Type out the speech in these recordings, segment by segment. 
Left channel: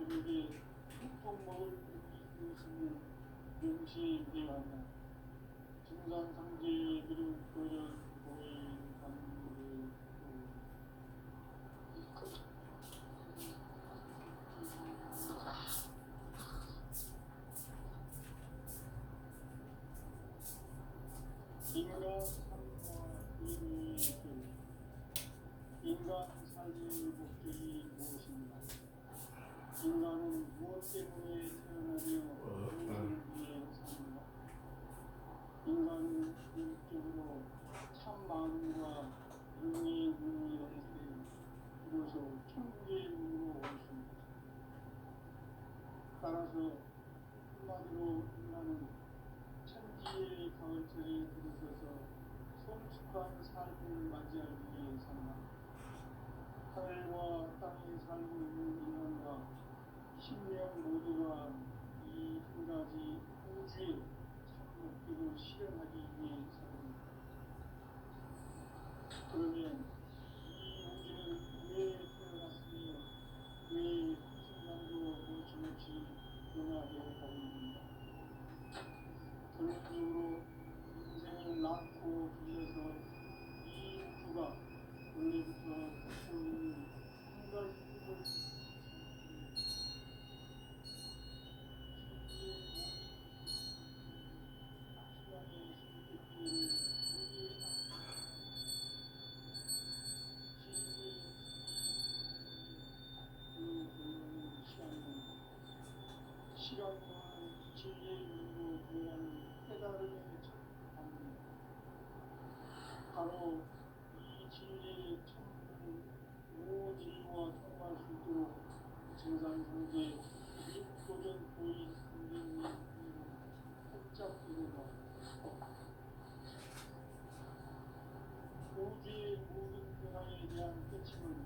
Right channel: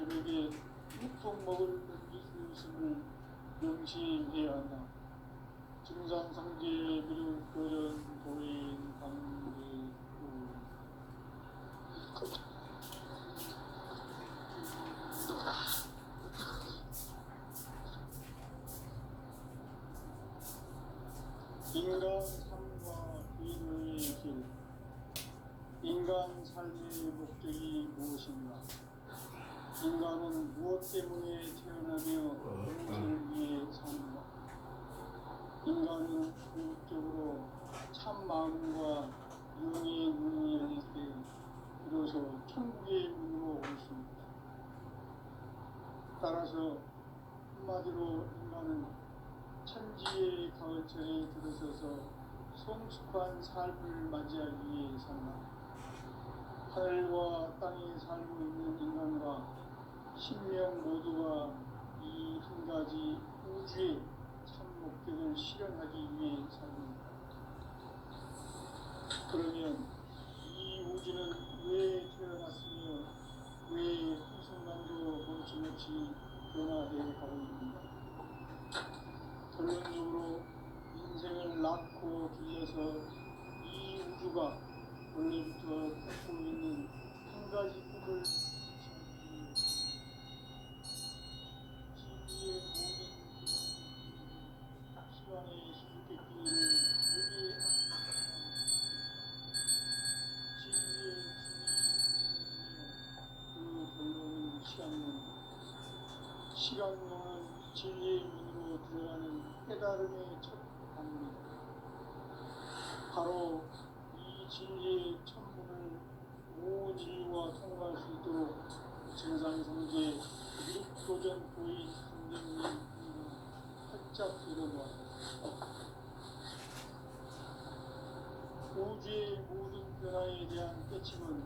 새벽에 육통 먹을 것을 명시해야 한다. 증산성제 미륵 도전 도인 관계 인간 삶과 비교의 길. 인간 삶의 목적이 무엇인가? 인간은 무엇 때문에 태어나며 무엇을 위해 사는가? 인간은 궁극적으로 참 마음과 영의 문을 열릴 때 비로소 천국의 문으로 올 수 있다. 따라서 한마디로 인간은 천지의 가을철에 들어서서 성숙한 삶을 맞이하기 위해 산다. 하늘과 땅에 살고 있는 인간과 신명 모두가 이 한 가지 우주의 참 목적을 실현하기 위해 삽니다. 그러면 이 우주는 왜 태어났으며 왜 한순간도 멈춤없이 변화되어 가고 있는가? 결론적으로 인생을 낳고 길러서 이 우주가 원래부터 갖고 있는 한 가지 꿈을 진리의 모든 시간의 수수께끼를 여기에 진리의 그 결론은 시간론이다. 시간론은 진리의 문으로 들어가는 깨달음의 첫 단계다. 바로 이 진리의 천문을 오지와 통과할 수 있도록 증산성제 미륵도전 보인 선생님의 활짝 열어보았다. 우주의 모든 변화에 대한 깨침은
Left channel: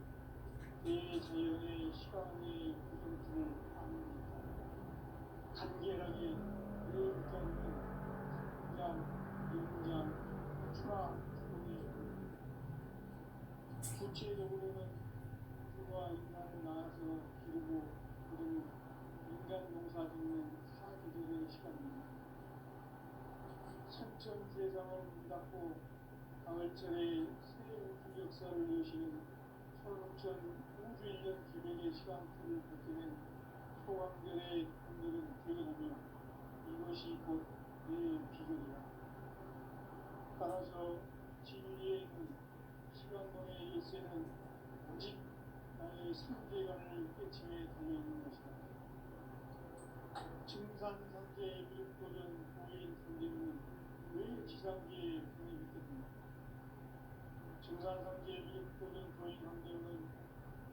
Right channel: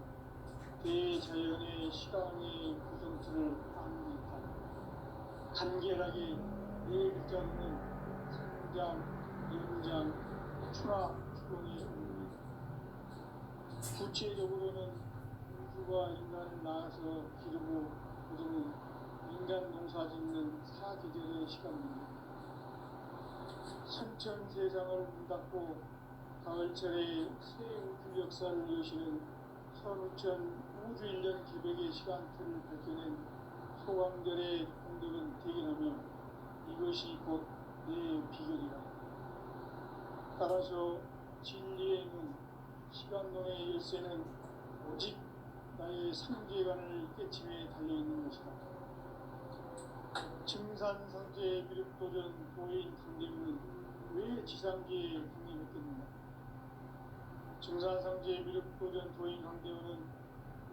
대자연의 시간의 구성틀을 확립하고 간결하게 네 글자 있는 상장, 연장, 추락, 추동의 원리다. 구체적으로는 우주가 인간을 낳아서 기르고 거두는 인간 농사 짓는 사계절의 시간입니다. 선천 세상을 문 닫고 가을철에 새 우주 역사를 여시는 선우천 우주 1년 기백의 시간틀을 밝혀낸 소강절의 공덕은 대견하며 이것이 곧 내 비결이다. 따라서 진리의 문, 시간론의 열쇠는 오직 나의 삼계관을 깨침에 달려있는 것이다. 증산성제 미륵도전 도인 강대문은 왜 지상계에 국립했겠는가? 증산성제 미륵도전 도인 강대문은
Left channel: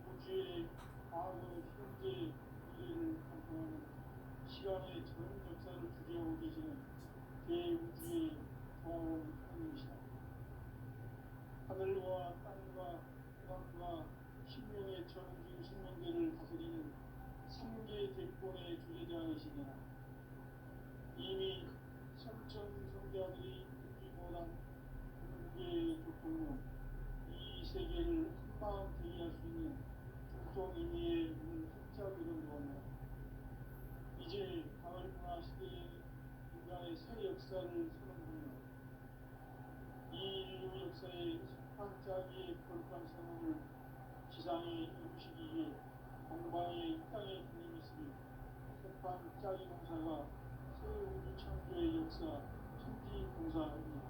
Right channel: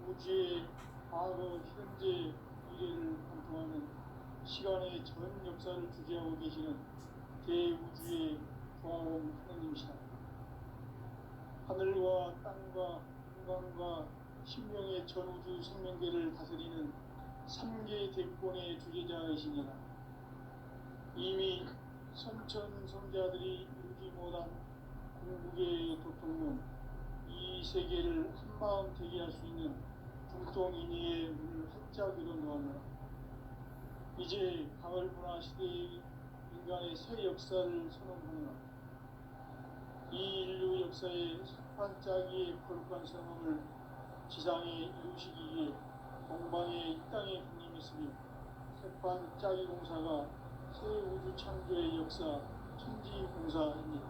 우주의 과거, 현재, 미래를 관통하는 시간의 전 역사를 주재하고 계시는 대우주의 고아원 하느님이시다. 하늘과 땅과 인간과 신명의 전우주 생명계를 다스리는 3계 대권의 주제자이시니라. 이미 선천성자들이 울지 못한 궁극의 도통로 이 세계를 한마음 되게 할 수 있는 중통인의의 문을 활짝 열어놓았노라. 이제 가을문화 시대의 인간의 새 역사를 선언하노라. 이 인류 역사의 반짝이의 거룩한 성원을 지상에 이루시기 위해 동방의 이 땅에 군림했으며 색반짝이 공사가 새 우주 창조의 역사 천지공사입니다.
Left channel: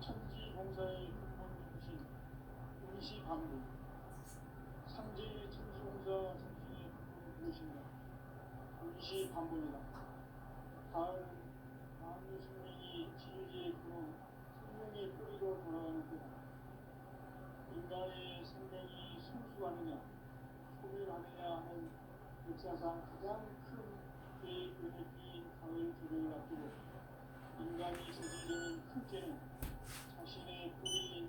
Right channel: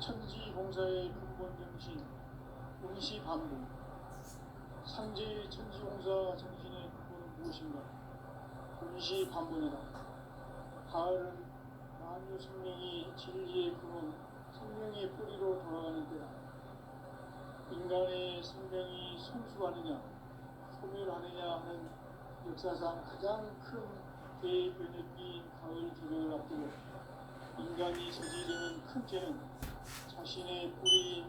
천지공사의 근본 정신 운시반복. 상제의 천지공사 정신의 근본은 무엇인가? 운시반복이다. 가을은 만유 생명이 진리의 근원, 생명의 뿌리로 돌아가는 때다. 인간의 생명이 성숙하느냐, 소멸하느냐 하는 역사상 가장 큰 대변혁기인 가을 조력을 앞두고 인간이 저지르는 큰 죄는 자신의 뿌리인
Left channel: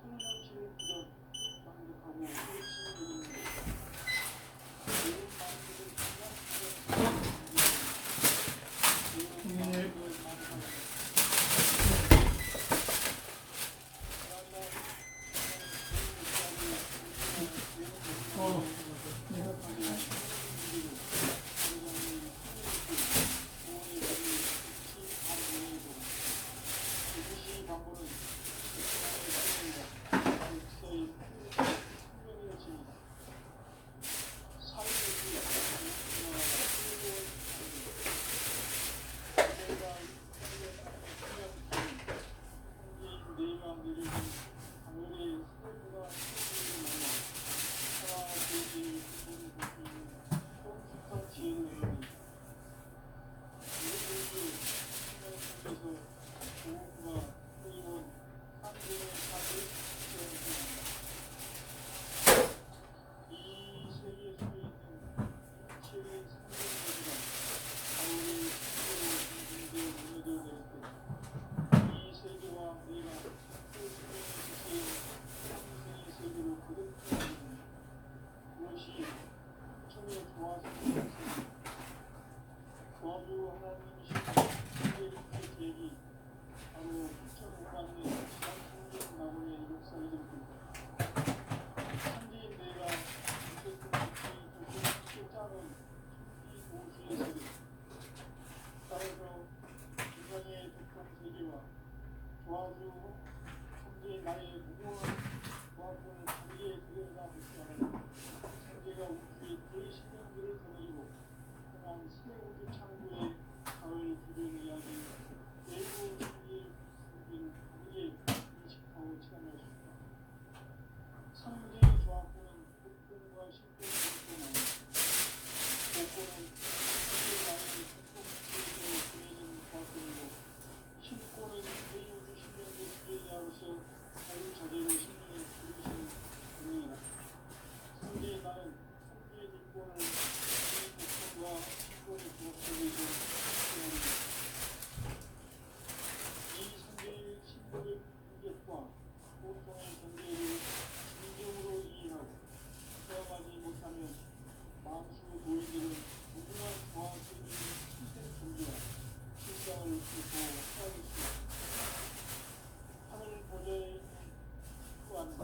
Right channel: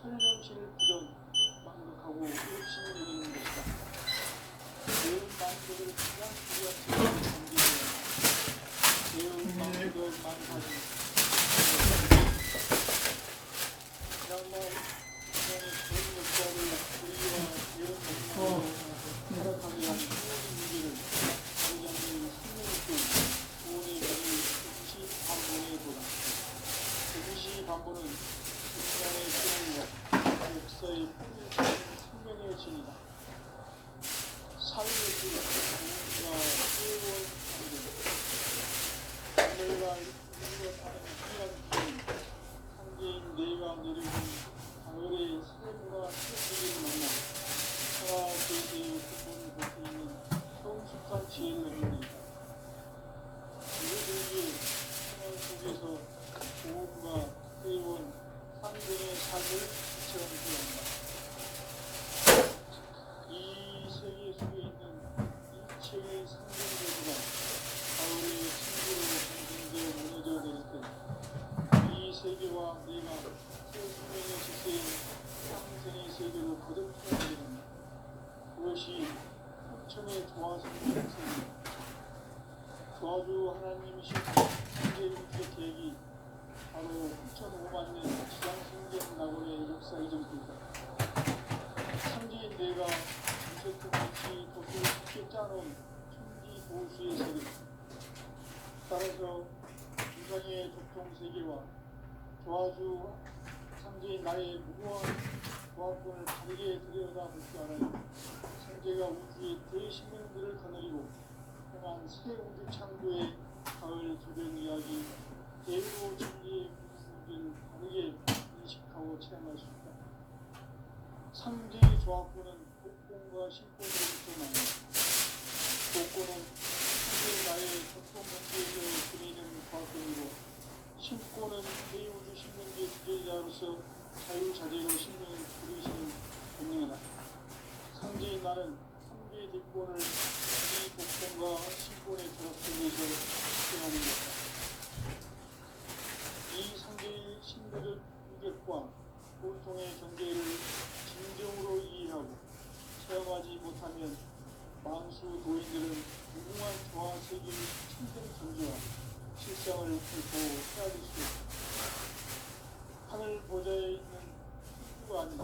설명실 부정, 망각하고 욕심을 내리는 것이다. 매운 만족을 통한 불량성을 매운 만족을 만족하는 지난날 그냥 좋은 역사를 우리와 배운 역사를 내가 위해서 보험과 회원, 환경의 삶을 지원합니다. 이 세계 속에 있는 일체의 상징들과 바울의 신비로 공중되어 무너져 내렸던 이 세계와 내가 새 생명의 지세인 평생의 세계로 거듭나게 됩니다. 그것이 천의 조화성의 세계, 저주 하나님이신 세계의 계획이 바로 9,500만 년 지상승전 낙원의 역사 이전부터 천지인 내가 우체통같이 도시를 쉽게 짜놓은 천지 보수의 세계, 따라서 우상의 독통세계와 조화주 천지인 나의 무거운 조합권을 다르게 들여다볼 줄 알아요. 천재가 우주의 대신명들을 거느리고 행한 새 우주 창조의 가을 기별 이야기, 대부 진리의 분위기를 다르게 인식하고 체험할 수 있다. 상제의 조합권은 복권과 신권을 구성합니다. 복권은 천지의 나의 전통 문제에서 그리는 조합권이고, 신권은 대우주 신명계 주제자로서 자유자재로 신명을 부르시는 본능이다. 상제의 나는 상제의 대권을 이 복권과 신권의 조합권에서 수행하는 것이다. 이 상제의 신들의 유격과 보통의 전제를 진정으로 이해하고 체험하지 못하면 만수 도인들은 무궁한 조화세계의 참된 존재와 실상을 결코 헤아릴 수 없다. 하늘 보좌에 있는 누가 아니다.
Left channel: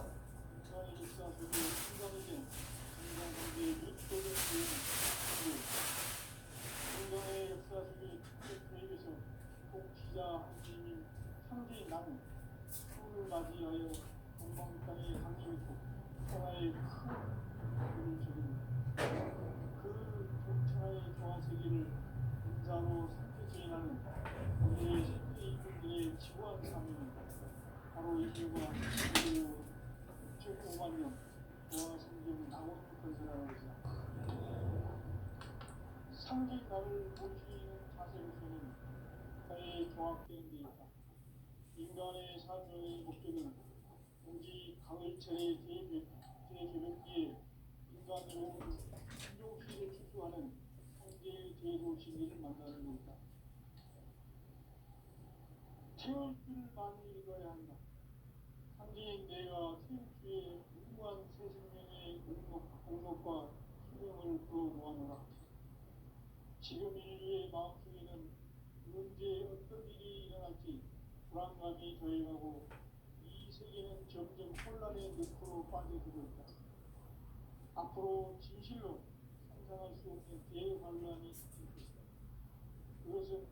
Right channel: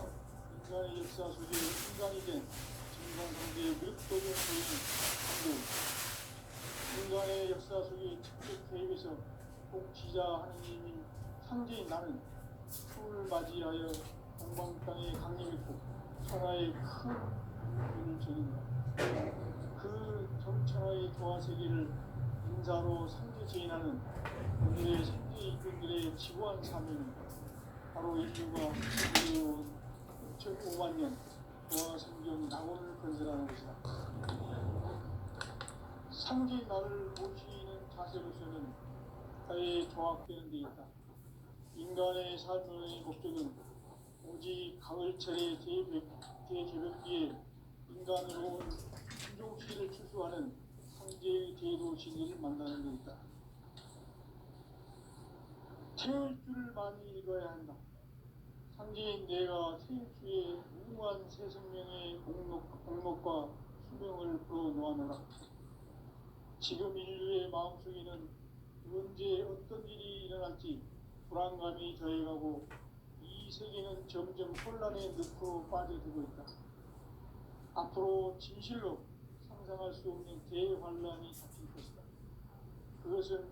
인간의 역사 속에 인간이 된 정상상제의 릇도된 도인은 인간의 역사 속에 직접 개입해서 공치자 하나님인 상제인 나는 추를 맞이하여 동방 땅에 강림했고 천하의 큰 일을 저진다. 그 천하의 조화세계를 인사로 상제 제인하는 오늘의 상제 일꾼들의 지구한 사명은 바로 인류가 그리고 6,500만 년 조화성경 낙원을 건설하는 것이다. 상제인 나를 모시는 자세로서는 나의 조합되는 데 있다. 인간의 삶의 목적은 오직 가을철의 대개벽기에 인간으로 온 신종시를 추수하는 상제의 제도 진리를 만나는 데 있다. 태일주를 많이 읽어야 한다. 상제인 내가 태일주의 무궁한 새 생명의 목록과 수명을 풀어놓아노라. 지금 인류의 마음속에는 언제 어떤 일이 일어날지 불안감이 더해가고 이 세계는 점점 혼란의 늪으로 빠져들고 있다. 앞으로 진실로 상상할 수 없는 대환란이 닥칠 것이다. 그것은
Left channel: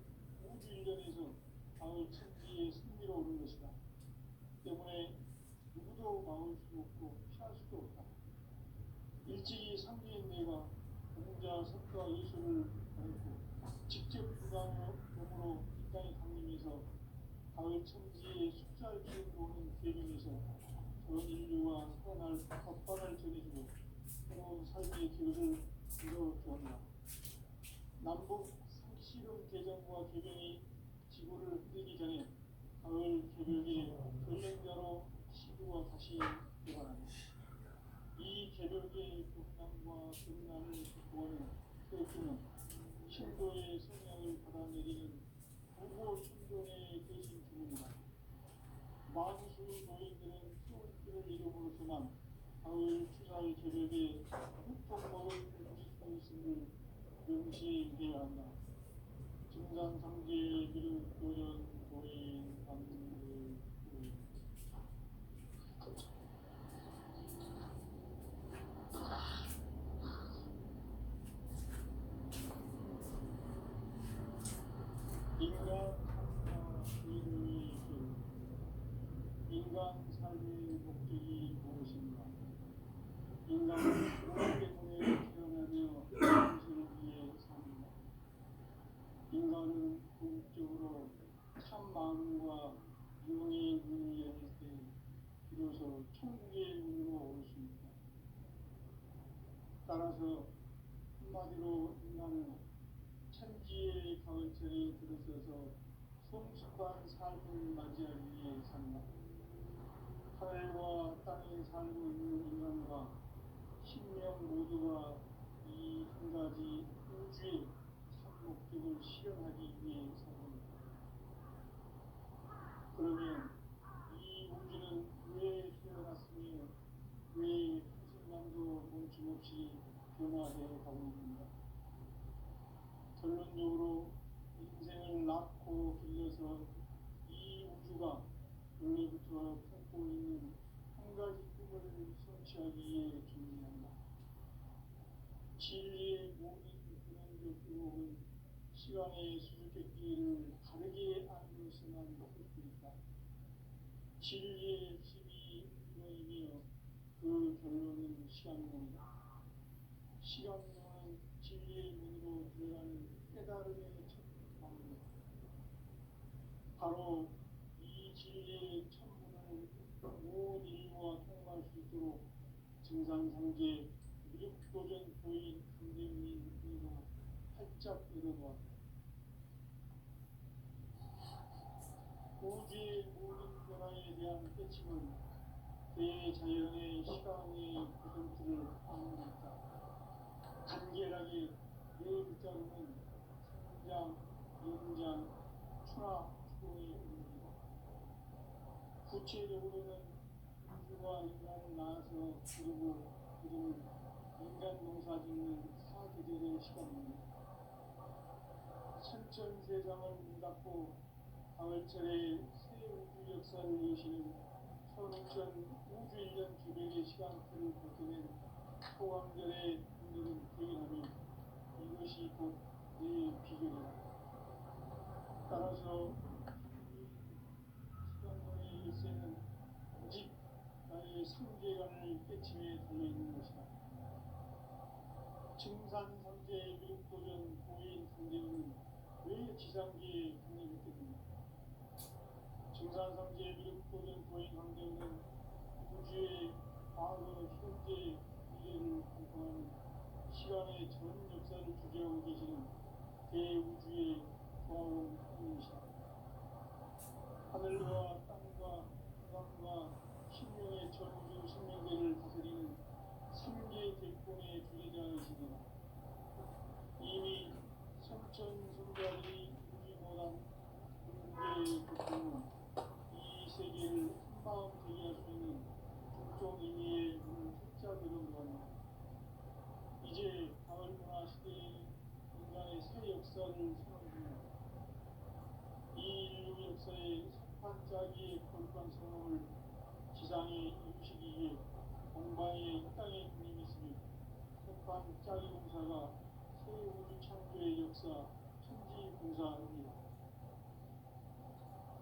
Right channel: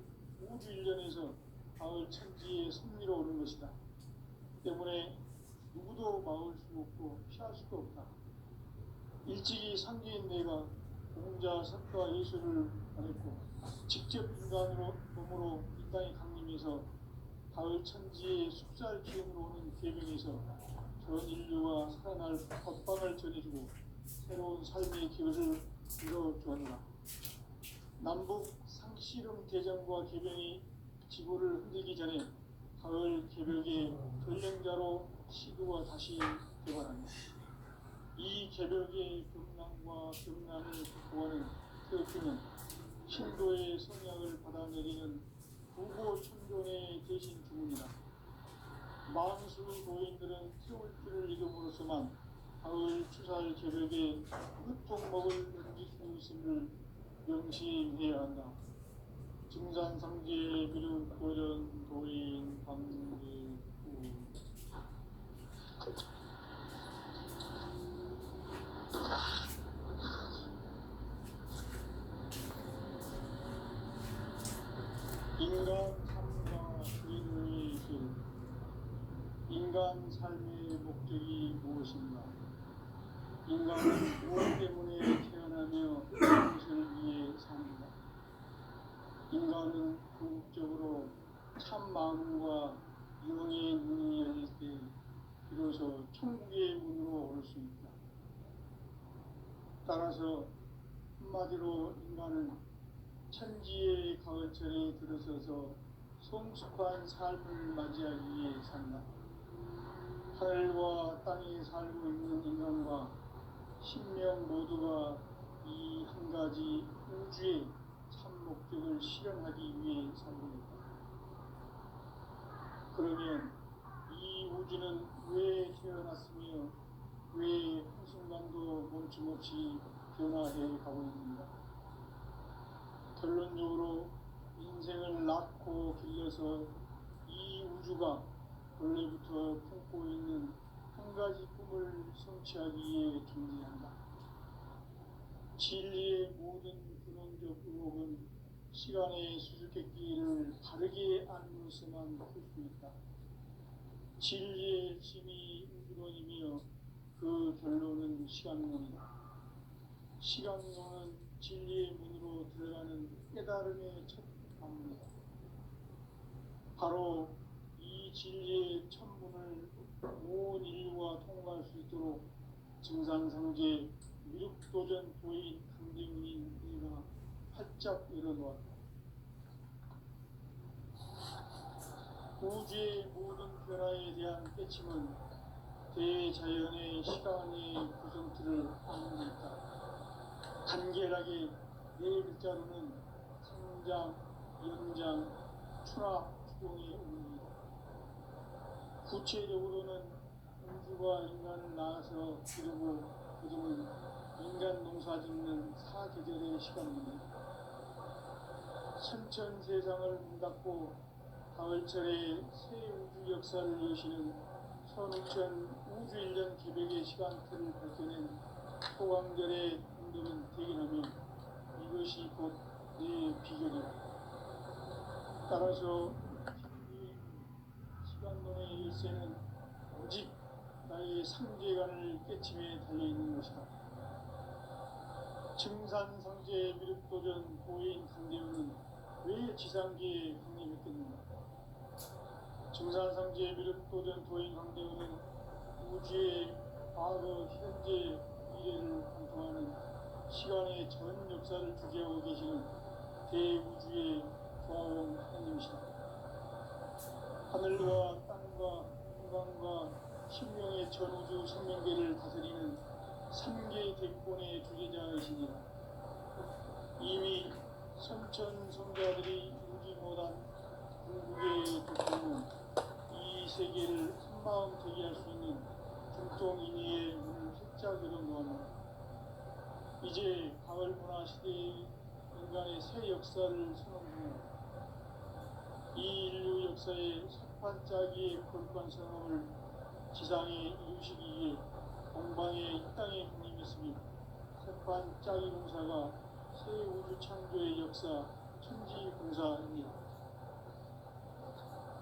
우주 일련에서 가을 천지의 섭리로 오는 것이다. 때문에 누구도 막을 수 없고 피할 수도 없다. 일찍이 상제인 내가 공자 석가 예수를 보냈고 직접 인간으로 몸으로 이 땅에 강림해서 가을 천지의 숲살 기운으로 오는 계명에서 전 인류가 살아날 법방을 전해주고 새로운 삶의 기회를 이뤄주었노라. 남북 상씨름 대전과 개병이 지구를 흔들기 전에 가을 개벽의 전령자로 시도가 다시 개발한다. 이 개벽의 금남과 금남을 극복하는 태극기는 신도의 성향을 받아내리는 부고 천존의 대신 주문이다. 만수 도인들은 태울주를 이름으로서만 가을 추살 개벽에 흩통 먹을 넘길 수 있음을 명시해야 한다. 증산상제 미륵 고전 도인 방대 도인 인간 삶과 의료의 길. 인간 삶의 목적이 무엇인가? 인간은 무엇 때문에 태어나며 무엇을 위해 사는가? 인간은 궁극적으로 참 마음과 영의 문이 열릴 때 비로소 천국의 문으로 올 수 있다. 따라서 한마디로 인간은 천지의 가을철에 들어서서 성숙한 삶을 맞이하기 위해 산다. 하늘과 땅에 살고 있는 인간과 신명 모두가 이 한 가지 우주의 참 목적을 실현하기 위해 산 겁니다. 그러면 이 우주는 왜 태어났으며 왜 한순간도 멈춤없이 변화해 가고 있는가? 결론적으로 인생을 낳고 길러서 이 우주가 원래부터 품고 있는 한 가지 꿈을 성취하기 위해 존재한다. 진리의 모든 근원적 의혹은 시간의 수수께끼를 바르게 알면서만 풀 수 있다. 진리의 힘이 근원이며 그 결론은 시간론이다. 시간론은 진리의 문으로 들어가는 깨달음의 첫 방문이다. 바로 이 진리의 천문을 온 인류가 통과할 수 있도록 증산상제 미륵도전 도인 강대웅인 이가 활짝 열어놓았다. 우주의 모든 변화에 대한 깨침은 대자연의 시간의 구성틀을 아는 데 있다. 간결하게 네 글자로는 성장, 연장, 추락, 추동의 의미이다. 구체적으로는 우주가 인간을 낳아서 기르고 그동안 인간 농사짓는 사계절의 시간입니다. 선천 세상을 문 닫고 가을철에 새 우주 역사를 여시는 선우천 우주일년 개백의 시간틀을 밝혀낸 소강절의 공덕은 대긴하며 이것이 곧 내 비결이다. 따라서 시간론의 열쇠는 오직 나의 상제관을 깨침에 달려있는 것이다. 증산상제 미륵도전 고인 강대웅은 왜 지상계에 강림했겠는가? 증산상제 미륵도전 도인 강대웅은 우주의 과거, 현재, 미래를 관통하는 시간의 전 역사를 주재하고 계시는 대우주의 조화원 하나님이시다. 하늘과 땅과 인간과 신명의 전우주 생명계를 다스리는 삼계 대권의 주제자이시니라. 이미 선천성자들이 이루지 못한 궁극의 도표는 이 세계를 한마음 되게 할 수 있는 중동인의의 문을 활짝 열어놓았다. 이제 가을 문화 시대의 인간의 새 역사를 선언 중이다. 이 인류 역사의 석반짜기의 거룩한 성업을 지상에 이루시기 위해 동방의 이 땅에 강림했으며 석반짜기 공사가 새 우주 창조의 역사 천지공사입니다.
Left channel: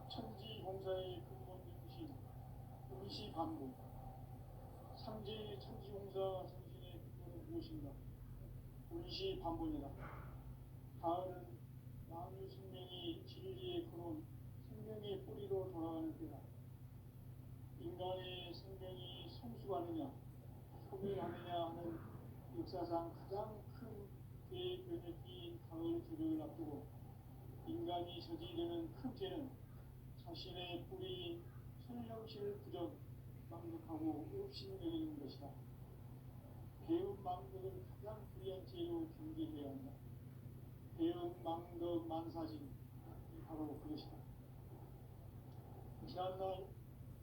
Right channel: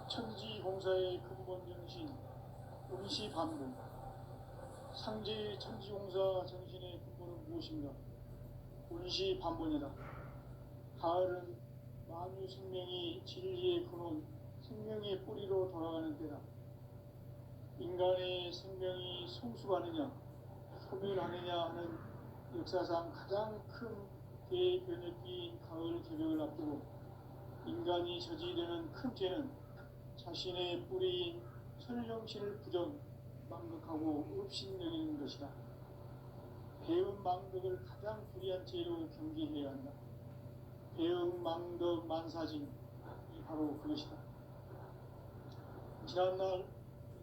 천지공사의 근본 정신 운시반복. 상제 천지공사 정신의 근본은 무엇인가? 운시반복이다. 가을은 만유 생명이 진리의 근원, 생명의 뿌리로 돌아가는 때다. 인간의 생명이 성숙하느냐, 소멸하느냐 하는 역사상 가장 큰 대변혁기인 가을 개벽을 앞두고 인간이 저지르는 큰 죄는 자신의 뿌리인 천령신을 부정, 망극하고 업신여기는 것이다. 배은 망덕을 가장 불의한 죄로 경계해야 한다. 배은 망덕 만사진이 바로 그것이다. 지난날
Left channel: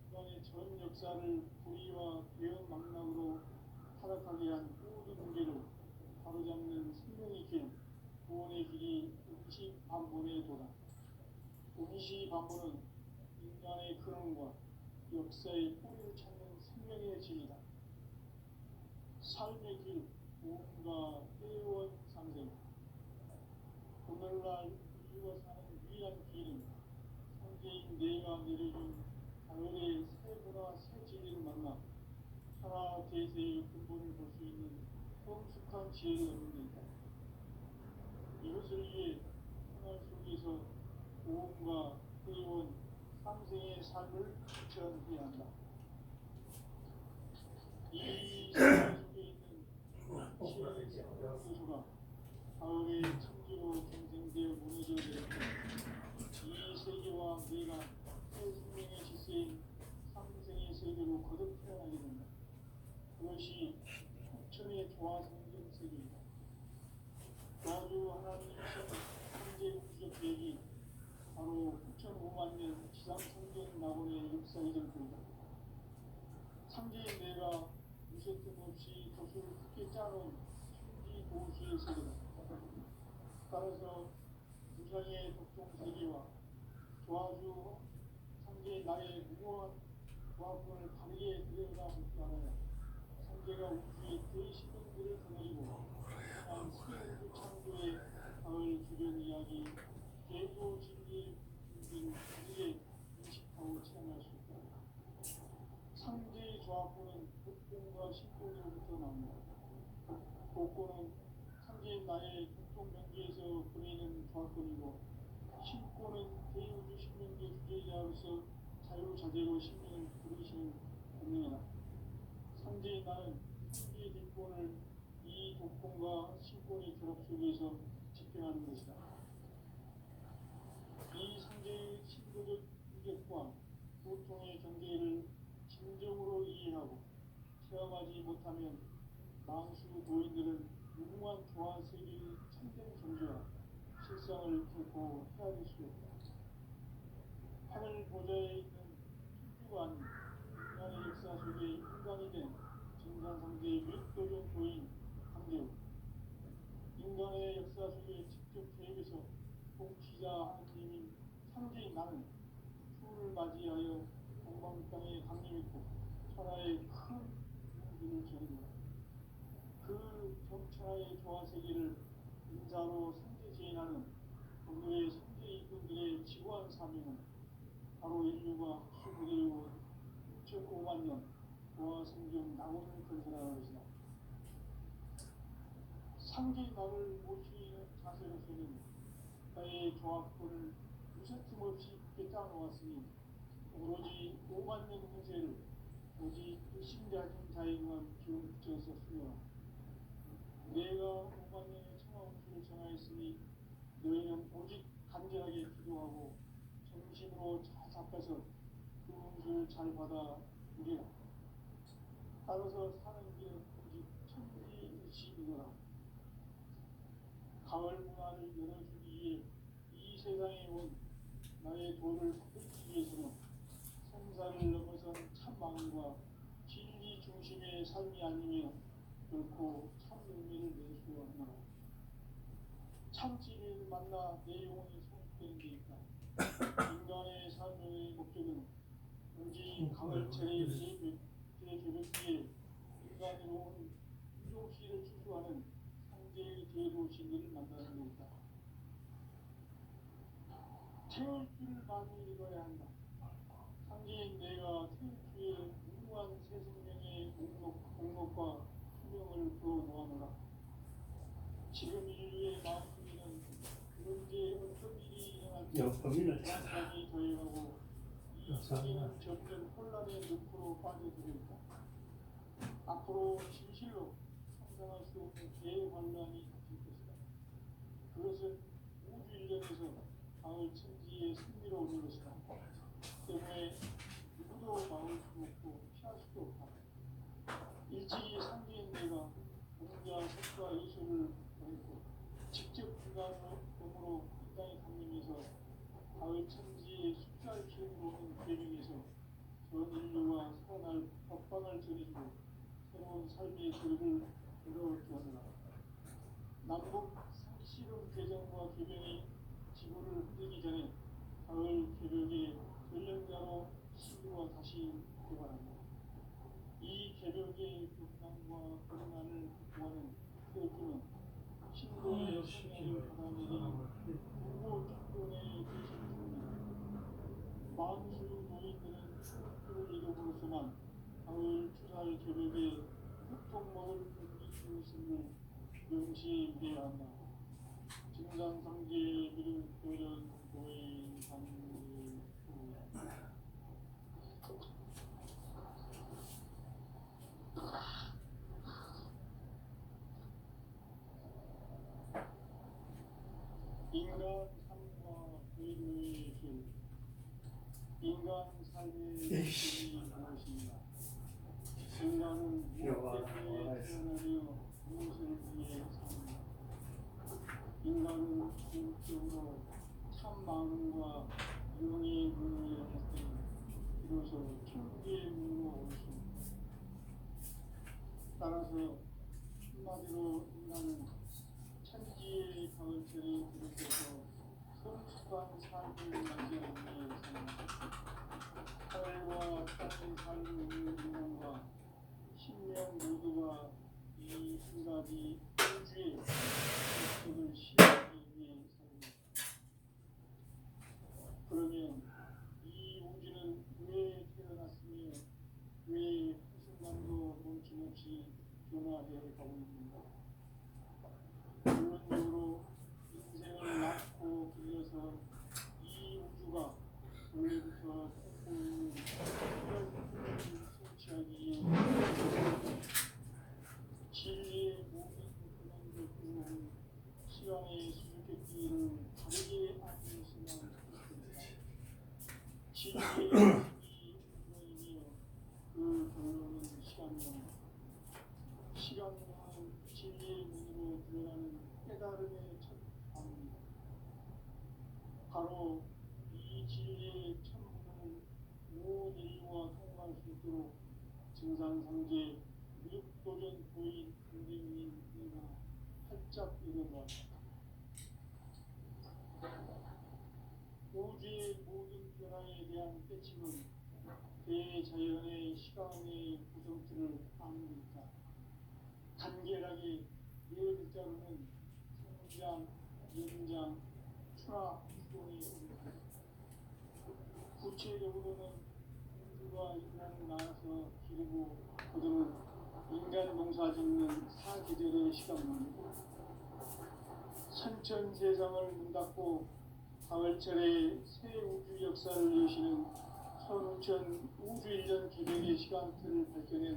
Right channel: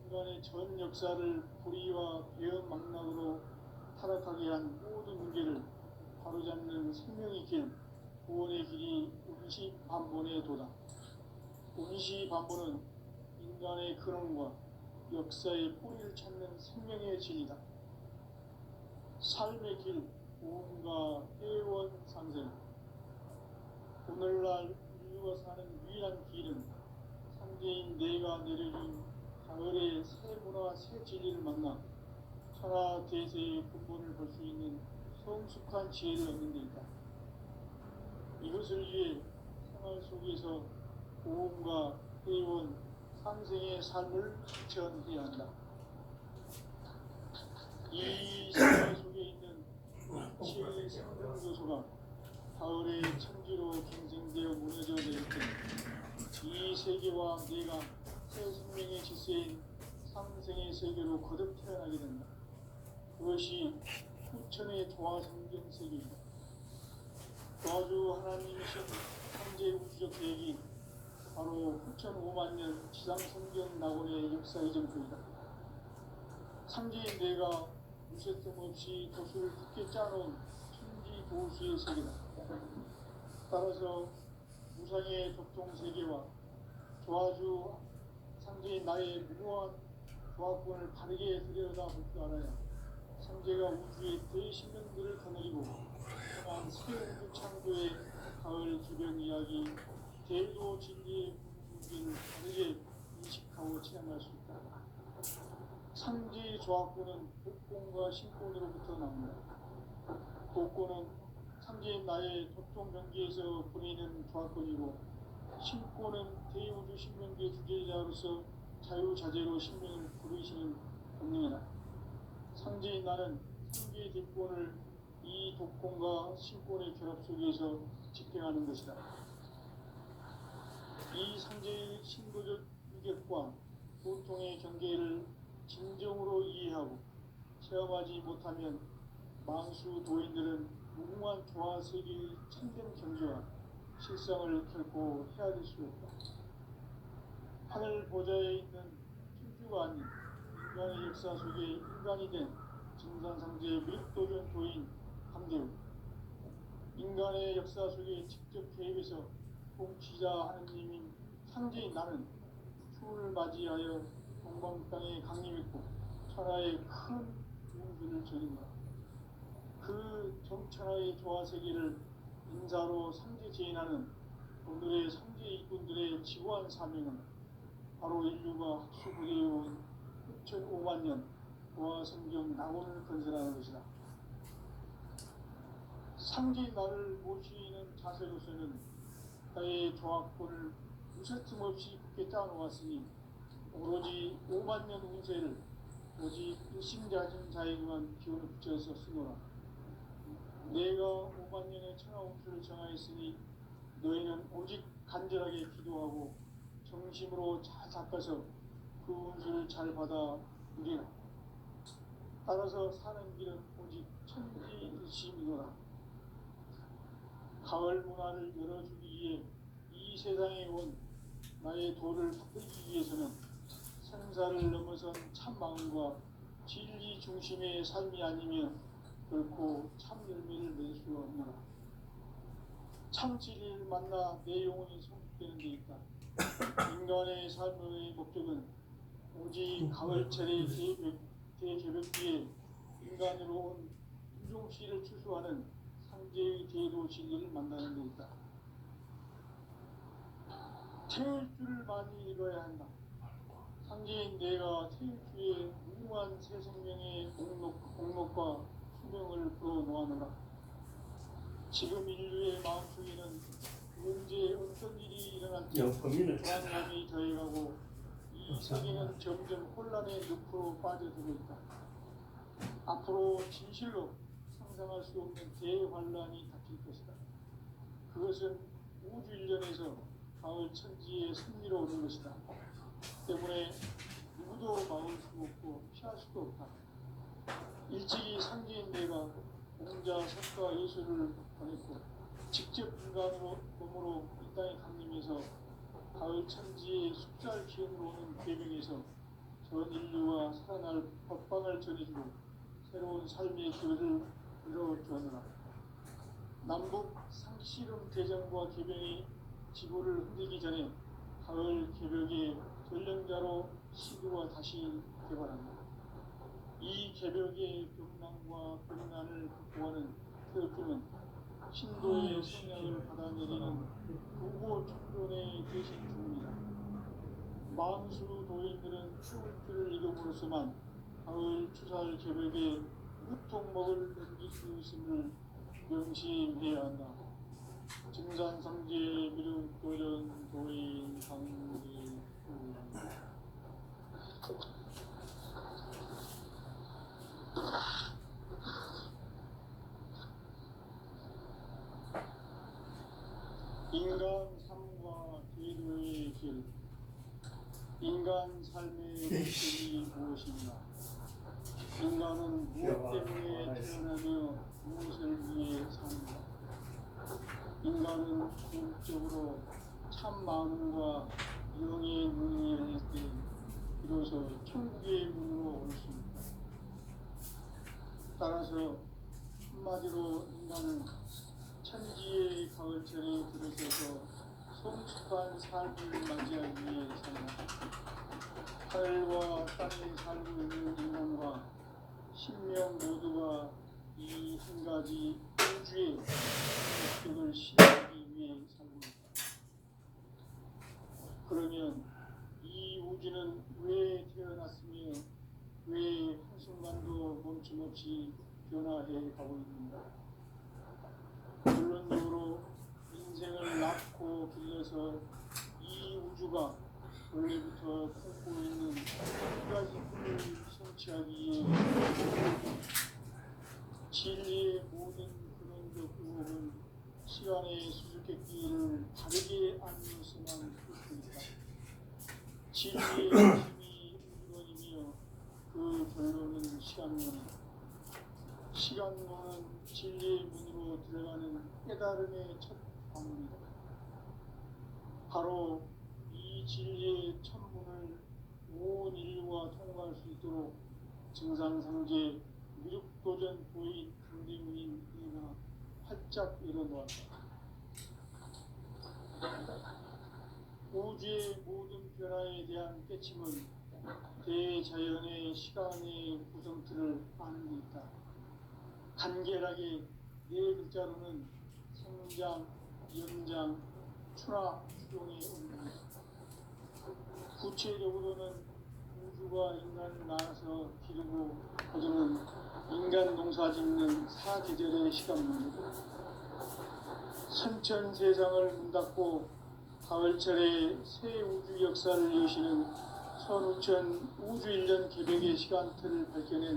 인간의 전 역사를 불의와 배은 망락으로 타락하게 한 모든 문제를 바로잡는 생명의 길, 구원의 길이 운시반본의 도다. 운시반본은 인간의 근원과 역사의 뿌리를 찾는 생명의 진리다. 삶의 길, 구원과 회원 상생. 오늘날 인류가 사는 유일한 길은 상제인 내가 내려준 가을의 새 문화, 새 진리를 만나 천하 대세의 근본을 볼 수 있는 성숙한 지혜를 얻는 데 있다. 이것을 위해 생활 속에서 고음과 회원, 상생의 삶을 실천해야 한다. 이 생활 속에 있는 지혜의 생명 요소가 가을의 천지로 갱생되어 무너져 내릴 때 이 세계와 내가 새 생명의 질서인 상생의 세계로 거듭 태어나게 된다. 그것이 후천의 조화성경 세계이다. 조화주 하나님이신 현재 우주적 계획이 바로 후천 5만 년 지상성경 낙원의 역사 이정표이다. 상제인 내가 무쇠뜸 없이 도수를 굳게 짜놓은 천지 도수의 세계다. 따라서 무상의 독종 세계와 조화주 상제인 나의 무궁한 조화권을 바르게 들여다볼 줄 알아야 상제가 우주의 대신명들을 거느리고 떠난 새우주 창조의 가을 기변 이야기 대도 진리의 분위기를 다르게 인식하고 체험할 수 있다. 상제의 조화권은 복권과 신권으로부터 나옵니다. 복권은 상제인 나의 독종 명기에서 보이는 조화권이고 신권은 대우주 신명기의 주제자로서 자유자재로 신명을 부르시는 본능이다. 상제인 나는 상계의 뒷권을 이 독권과 신권의 결합 속에서 집행하는 것이다. 이 상제의 신도적 유격과 보통의 경계를 진정으로 이해하고 체험하지 못하면 만수 도인들은 무궁한 조화 세계의 참된 경계와 실상을 결코 헤아릴 수 없다. 하늘 보좌에 있는 천주가 아닌 인간의 역사 속에 인간이 된 증산상제의 밀도전 도인 감대우, 인간의 역사 속에 직접 개입해서 통치자 하느님인 상제인 나는 추를 맞이하여 동방땅에 강림했고 천하의 큰 용수를 저린다. 그 정천하의 조화세계를 인사로 상제 제인하는 오늘의 상제 일꾼들의 지구한 사명은 바로 인류가 학수부대해온 6,5만 년 조화성경 낙원을 건설하는 것이다. 상제인 나를 모시는 자세로서는 나의 조화권을 무쇠틈 없이 굳게 짜놓았으니 오로지 5만 년 운세를 오직 일심자진 자에게만 기운을 붙여서 쓰노라. 내가 5만 년의 천하운수를 정하였으니 너희는 오직 간절하게 기도하고 정심으로 잘 닦아서 그 운수를 잘 받아 누리라. 따라서 사는 길은 오직 천지일심이노라. 가을 문화를 열어주기 위해 이 세상에 온 나의 도를 받들기 위해서는 생사를 넘어선 참 마음과 진리 중심의 삶이 아니면 결코 참 열매를 낼 수 없노라. 참 진리를 만나 내 영혼이 성숙되는 데 있다. 인간의 삶의 목적은 오직 가을철의 대개벽기에 인간으로 온 유종씨를 추수하는 상제의 제도 진리를 만나는 데 있다. 태일 줄을 많이 읽어야 한다. 상제인 내가 태일 주에 무궁한 새 생명의 목록과 수명을 풀어놓아노라. 지금 인류의 마음속에는 언제 어떤 일이 일어날지 불안감이 더해가고 이 세계는 점점 혼란의 늪으로 빠져들고 있다. 앞으로 진실로 상상할 수 없는 대환란이 닥칠 것이다. 그것은 우주 일련에서 가을 천지의 승리로 오는 것이다. 때문에 누구도 막을 수 없고 피할 수도 없다. 일찍이 상제인 내가 공자, 석가, 예수를 보냈고 직접 인간으로 몸으로 이 땅에 강림해서 가을 천지의 숫자를 기원으로 오는 계명에서 전 인류가 살아날 법방을 전해주고 새로운 삶의 길을 열어주었노라. 남북 상씨름 대전과 개병이 지구를 흔들기 전에 가을 개벽의 전령자로 시구가 다시 개발한다. 이 개벽의 벽난과 벽난을 극복하는 태극기는 신도의 성향을 받아내리는 부고 총론의 대신 중입니다. 만수 노인들은 추울기를 이겨으로서만 가을 추살 개벽에 무통목을 넘길 수 있음을 명심해야 한다. 증산성제 미륵도전 도인 강기 인간 삶과 제도의 인간 삶의 목적이 무엇인가? 인간은 무엇 때문에 태어나며 무엇을 위해 사는가? 인간은 궁극적으로 참 마음과 영의 문을 열 때 비로소 천국의 문으로 올 수 있다. 따라서 한마디로 인간은 천지의 가을철에 들어서서 성숙한 삶을 맞이하기 위해 산다. 하늘과 땅에 살고 있는 인간과 신명 모두가 이 한 가지 우주의 목적을 실현하기 위해 살고 있다. 그러면 이 우주는 왜 태어났으며 왜 한순간도 멈춤없이 변화해 가고 있는가? 결론적으로 인생을 낳고 길러서 이 우주가 원래부터 품고 있는 한 가지 꿈을 성취하기 위해 진리의 모든 근원적 의혹은 시간의 수수께끼를 다르게 알면서만 있습니다. 진리의 핵심이 근원이며 그 결론은 시간론이다. 시간론은 진리의 문으로 들어가는 깨달음의 첫 방문이다. 바로 이 진리의 천문을 온 인류가 통과할 수 있도록 증산상제 미륵도전 도인 강대문인 이가 활짝 일어놓았다. 우주의 모든 변화에 대한 깨침은 대자연의 시간의 구성틀을 아는 데 있다. 간결하게 네 글자로는 성장, 연장, 추나 추종의 의미다. 구체적으로는 우주가 인간을 낳아서 기르고 거두는 인간 농사 짓는 사계절의 시간입니다. 선천 세상을 문닫고 가을철에 새 우주 역사를 여시는 선우천 우주 1년 개백의 시간틀을 밝혀낸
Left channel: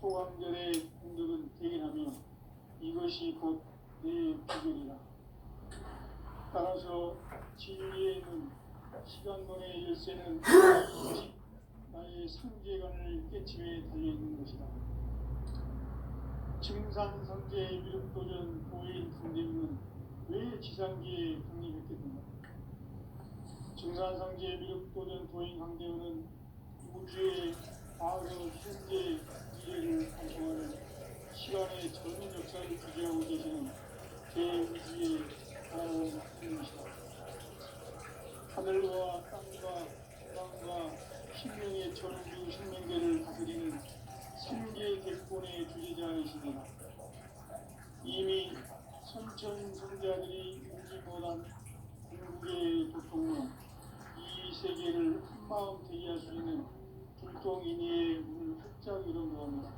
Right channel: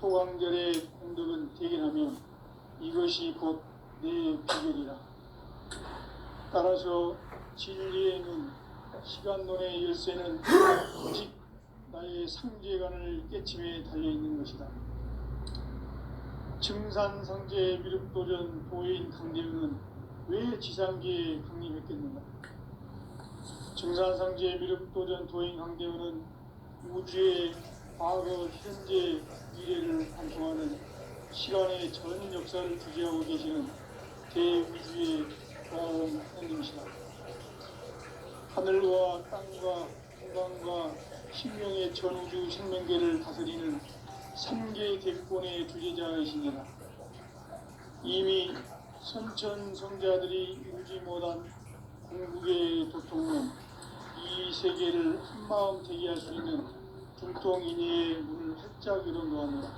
소강절의 공덕은 대견하며 이것이 곧 내 비결이라. 따라서 진리의 눈, 시간론의 열쇠는 오직 나의 상제관을 깨침에 달려있는 것이다. 증산상제 미륵도전 도인 강대웅은 왜 지상계에 강림했겠는가? 증산상제 미륵도전 도인 강대웅은 우주의 과거, 현재, 미래를 관통하는 시간의 전 역사를 주재하고 계시는 대우주의 고아원 하나님이시다. 하늘과 땅과 공간과 신명의 전우주 생명계를 다스리는 3개 대권의 주제자이시니라. 이미 선천성자들이 울지 못한 궁극의 도통으로 이 세계를 한마음 되게 할 수 있는 중통인의의 문을 활짝 열어놓았노라.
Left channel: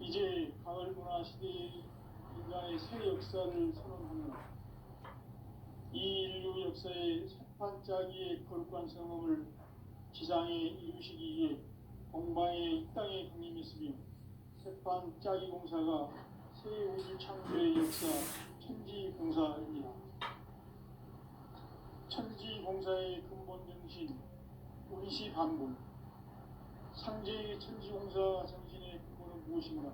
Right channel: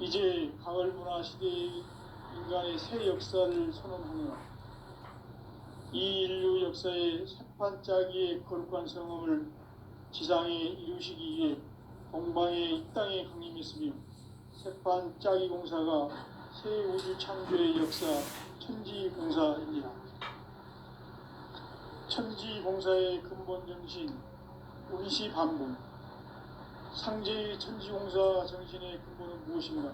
이제 가을 문화 시대의 인간의 새 역사를 선언하노라. 이 인류 역사의 새판짜기의 거룩한 성험을 지상에 이루시기 위해 동방에 이 땅에 강림했으며 새판짜기 공사가 새 우주 창조의 역사 천지공사입니다. 천지공사의 근본 정신 운시반복. 상제의 천지공사 정신의 근본은 무엇인가?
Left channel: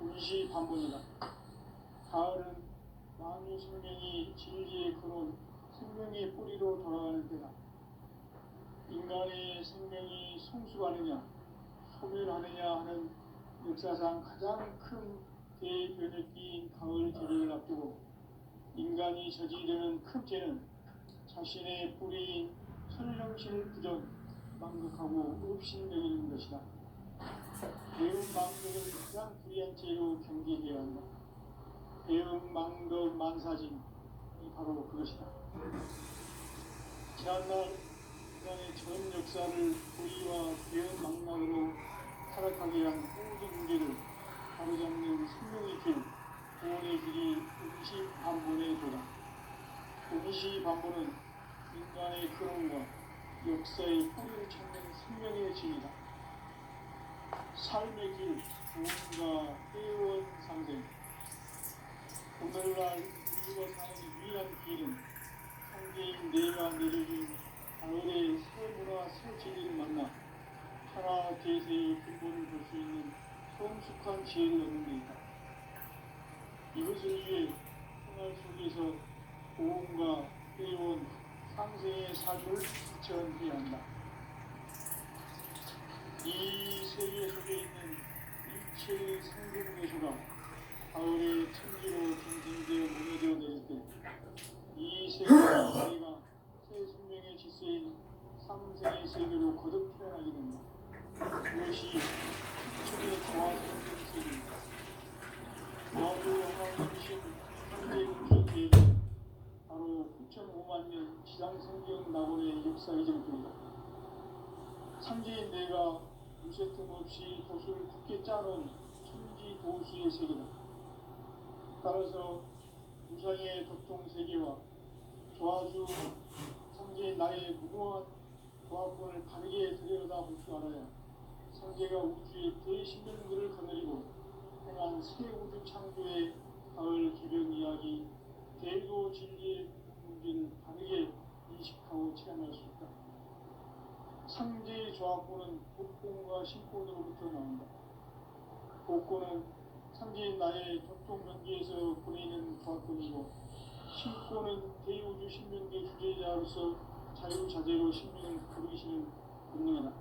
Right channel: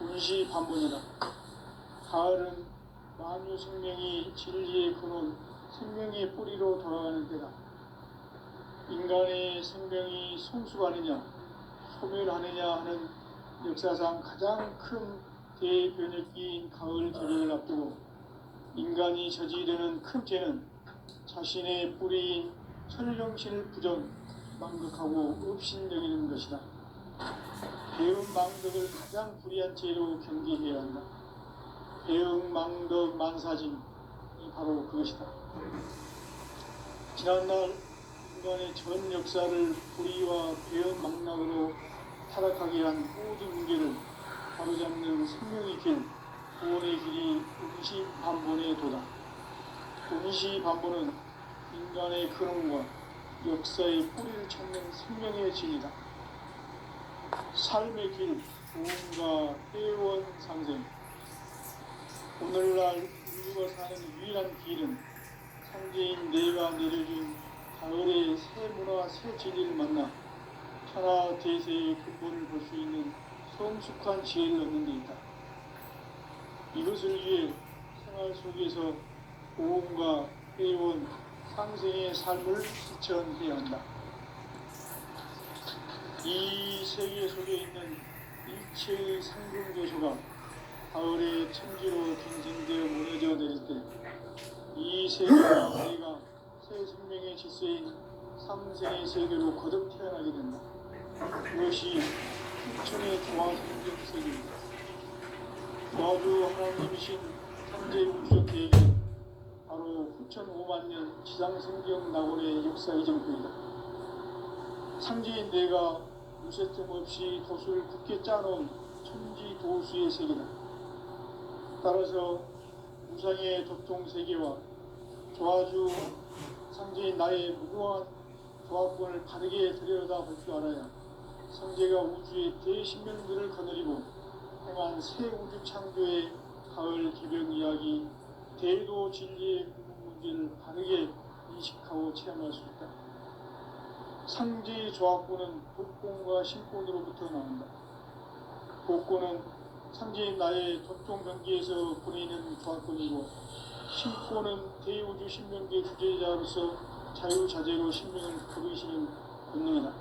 운시반복이다. 가을은 만유 생명이 진리의 근원, 생명의 뿌리로 돌아가는 때다. 인간의 생명이 성숙하느냐, 소멸하느냐 하는 역사상 가장 큰 대변혁기인 가을 계절을 앞두고 인간이 저지르는 큰 죄는 자신의 뿌리인 천령신을 부정, 망극하고 업신여기는 것이다. 배움 망덕을 가장 불의한 죄로 경계해야 한다. 배움 망덕 만사짐이 바로 그것이다. 지난날 인간의 전 역사를 불의와 배움 망락으로 타락하게 한 모든 문제를 바로잡는 생명의 길, 구원의 길이 운시반본에 도다. 운시반본은 인간의 근원과 역사의 뿌리를 찾는 생명의 진이다. 삶의 길, 구원과 회원 상생. 오늘날 인류가 사는 유일한 길은 상제인 내가 내려준 가을의 근본을 볼 수 있는 성숙한 지혜를 얻는 데 있다. 이것을 위해 생활 속에서 고온과 해온 상생의 삶을 실천해야 한다. 이 세계 속에 있는 일체의 상승조소가 가을의 천지로 갱신되어 무너져 내릴 때 이 세계가 내가 새 생명의 질서인 삼생의 세계로 거듭 태어나게 된다. 그것이 후천의 조화성적 세계입니다. 마주 하나님이신 현재 우주 계획은 바로 후천 5만 년 지상생경 낙원의 역사 이정표이다. 상지인 내가 무쇠 틈 없이 도수를 굳게 짜놓은 천지 도수의 세계다. 따라서 우상의 도통 세계와 조화주 상지인 나의 무궁한 조화권을 바르게 들여다볼 줄 알아야 성제가 우주의 대신명들을 거느리고 행한 새 우주 창조의 가을 기병 이야기 대도 진리의 문제를 바르게 인식하고 체험할 수 있다. 상제의 조화권은 복권과 신권으로부터 나온다. 복권은 상제인 나의 도통 경계에서 보내는 조화권이고 신권은 대우주 신명계 주제자로서 자유자재로 신명을 부르시는 권능이다.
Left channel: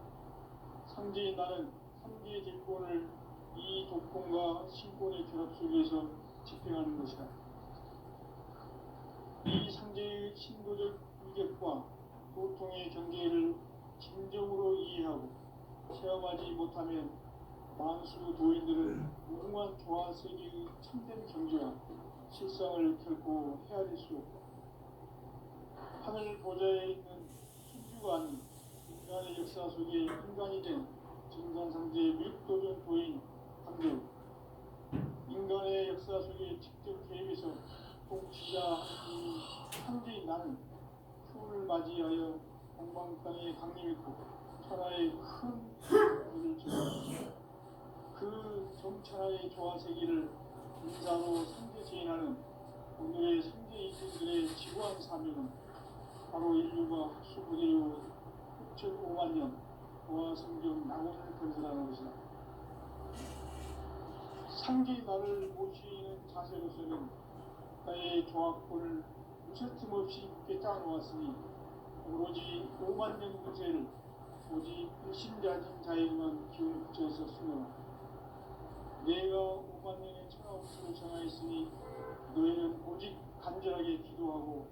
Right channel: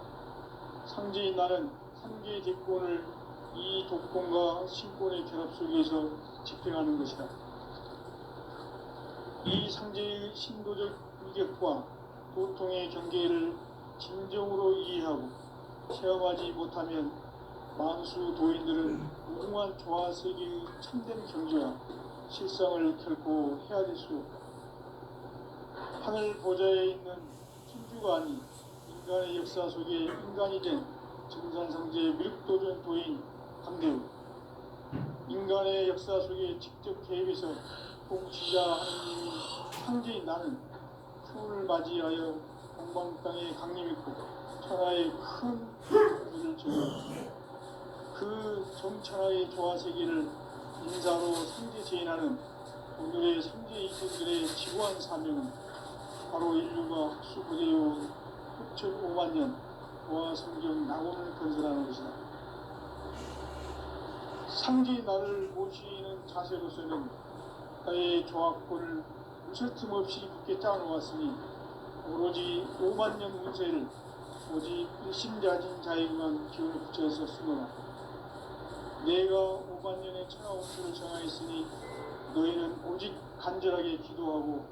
상제인 나는 상제의 대권을 이 독권과 신권의 결합 속에서 집행하는 것이다. 이 상제의 신도적 위격과 도통의 경계를 진정으로 이해하고 체험하지 못하면 만수 도인들은 무궁한 조화세계의 참된 경지와 실상을 결코 헤아릴 수 없다. 하늘 보좌에 있는 천주가 아닌 인간의 역사 속에 인간이 된 정산상제의 미륵도전 도인 강대우, 인간의 역사 속에 직접 개입해서 통치자 하느님이 상제인 나는 추운을 맞이하여 동방 땅에 강림했고 천하의 큰 일을 제공했다. 그 정천하의 조화세계를 인사로 상제 제인하는 오늘의 상제 이분들의 지구한 사명은 바로 인류가 학수부대해온 후천 5만 년 조화성경 낙원을 건설하는 것이다. 상제 나를 모시는 자세로서는 나의 조화권을 무쇠 틈 없이 굳게 짜놓았으니 오로지 5만 년 운세를 오직 일심자진 자에게만 기운을 붙여서 쓰노라. 내가 5만 년의 천하 운수를 정하였으니 너희는 오직 간절하게 기도하고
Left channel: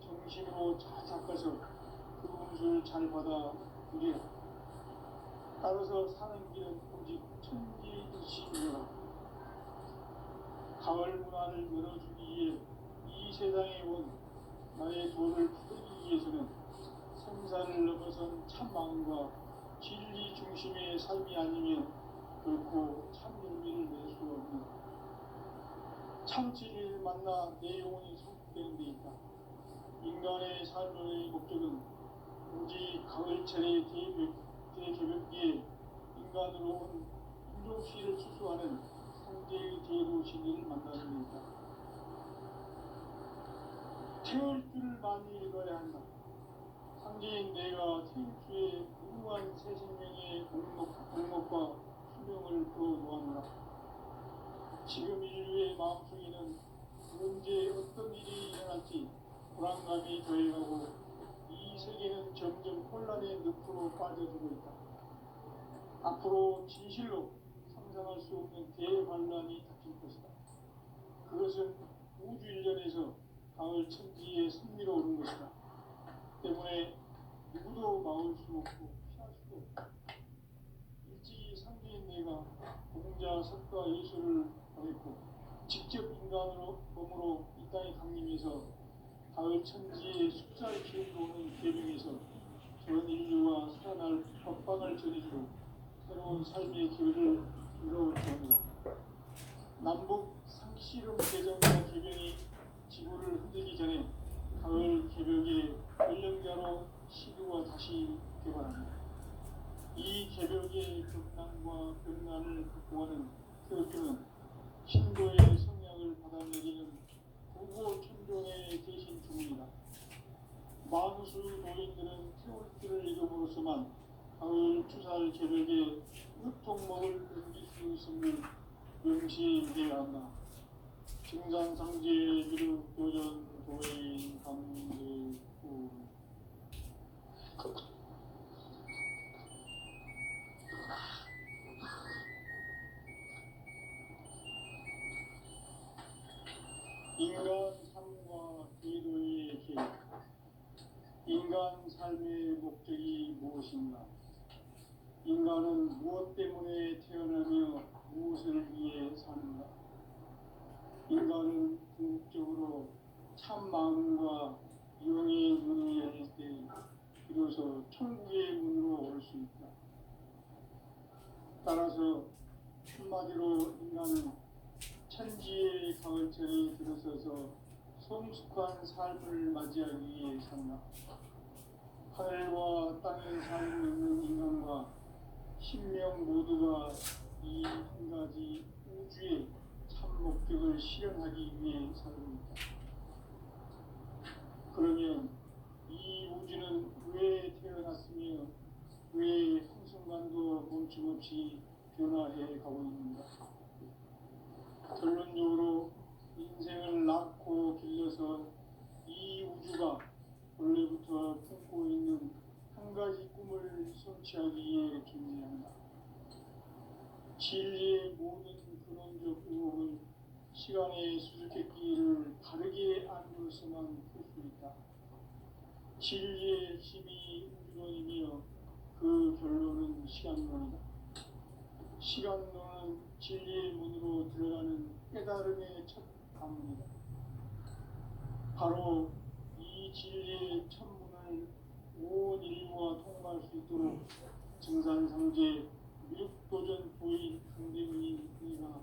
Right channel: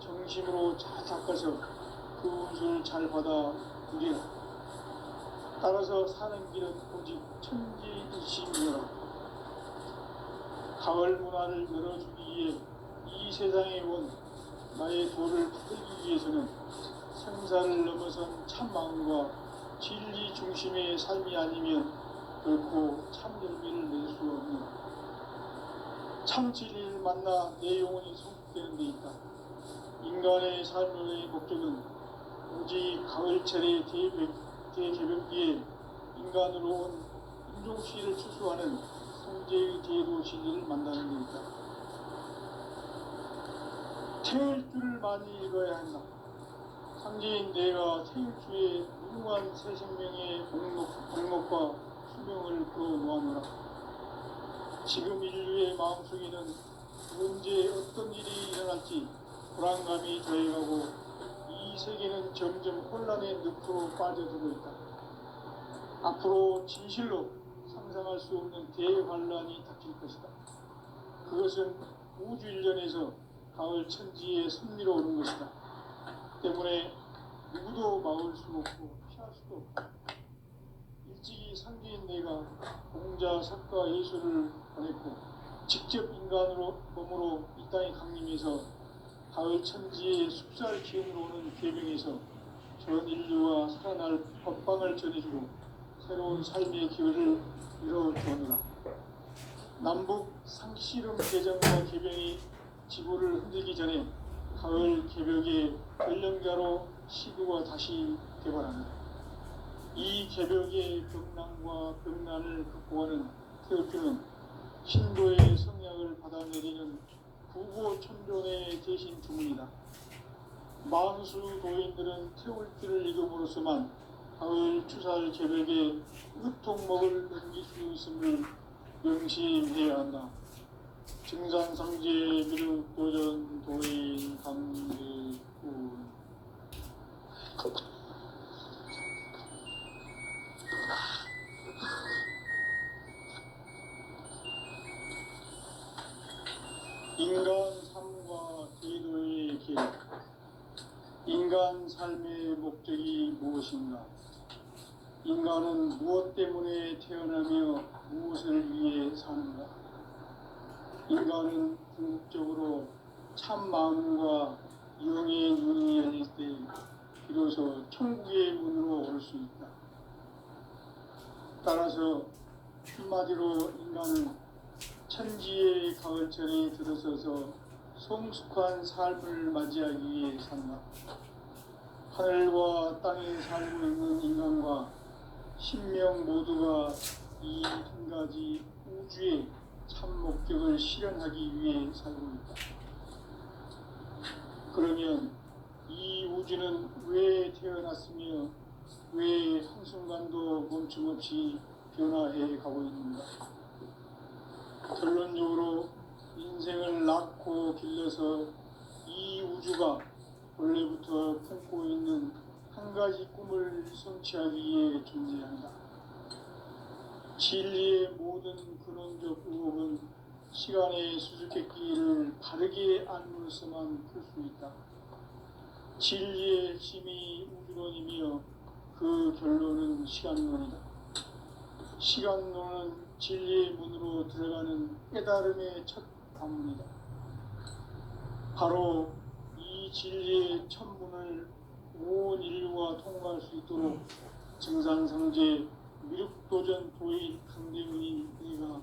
정심으로 잘 닦아서 그 운수를 잘 받아 누리라. 따라서 사는 길은 오직 천지일심이라. 가을 문화를 열어주기 위해 이 세상에 온 나의 도를 받기 위해서는 생사를 넘어선 참마음과 진리 중심의 삶이 아니면 결코 참열매를 낼 수 없는 참 진리를 만나 내 영혼이 성숙되는 데 있다. 인간의 삶의 목적은 오직 가을철의 대개벽기에 인간으로 온 인종시를 추수하는 성제의 대도 진리를 만나는 데 있다. 태울 줄을 많이 읽어야 한다. 상제인 내가 태울주의 무궁한 새 생명의 목록과 수명을 끌어놓아노라. 지금 인류의 마음속에는 언제 어떤 일이 일어날지 불안감이 더해가고 이 세계는 점점 혼란의 늪으로 빠져들고 있다. 앞으로 진실로 상상할 수 없는 대환란이 닥칠 것이다. 그것은 우주 일련에서 가을 천지의 섭리로 오는 것이다. 때문에 누구도 막을 수 없고 피할 수도 없다. 일찍이 상제인 내가 공자, 석가, 예수를 보냈고 직접 인간으로 몸으로 이 땅에 강림해서 가을 천지의 숲살 기운으로 오는 계명에서 전 인류와 살아날 법방을 전해주고 새로운 삶의 기회를 이뤄주었노라. 남북 상씨름 개정과 개병이 지구를 흔들기 전에 가을 개벽의 전령자로 시구가 다시 개발합니다. 이 개벽의 벽난과 벽난을 극복하는 태울주는 신도의 성약을 받아내리는 구고천존의 대신 주문이다. 만수 도인들은 태울주를 읽음으로써만 가을 추살 계백에 으통먹을 넘길 수 있음을 명심해야 한다. 증산상제 미륵 도전 도인 강대구 인간 삶과 제도의 길. 인간 삶의 목적이 무엇인가? 인간은 무엇 때문에 태어나며 무엇을 위해 사는가? 인간은 궁극적으로 참 마음과 영의 눈이 열릴 때 비로소 천국의 문으로 올 수 있다. 따라서 한마디로 인간은 천지의 가을철에 들어서서 성숙한 삶을 맞이하기 위해 산다. 하늘과 땅에 살고 있는 인간과 신명 모두가 이 한 가지 우주의 참 목적을 실현하기 위해 살고 있다. 그러면 이 우주는 왜 태어났으며 왜 한순간도 멈춤없이 변화해 가고 있는가? 결론적으로 인생을 낳고 길러서 이 우주가 원래부터 품고 있는 한 가지 꿈을 성취하기 위해 존재한다. 진리의 모든 근원적 의혹은 시간의 수수께끼를 바르게 안으로서만 풀 수 있다. 진리의 핵심이 우주론이며 그 결론은 시간론이다. 시간론은 진리의 문으로 들어가는 깨달음의 첫 관문이다. 바로 이 진리의 첫 문을 온 인류가 통과할 수 있도록 증산상제 미륵도전 도인 강대문인 내가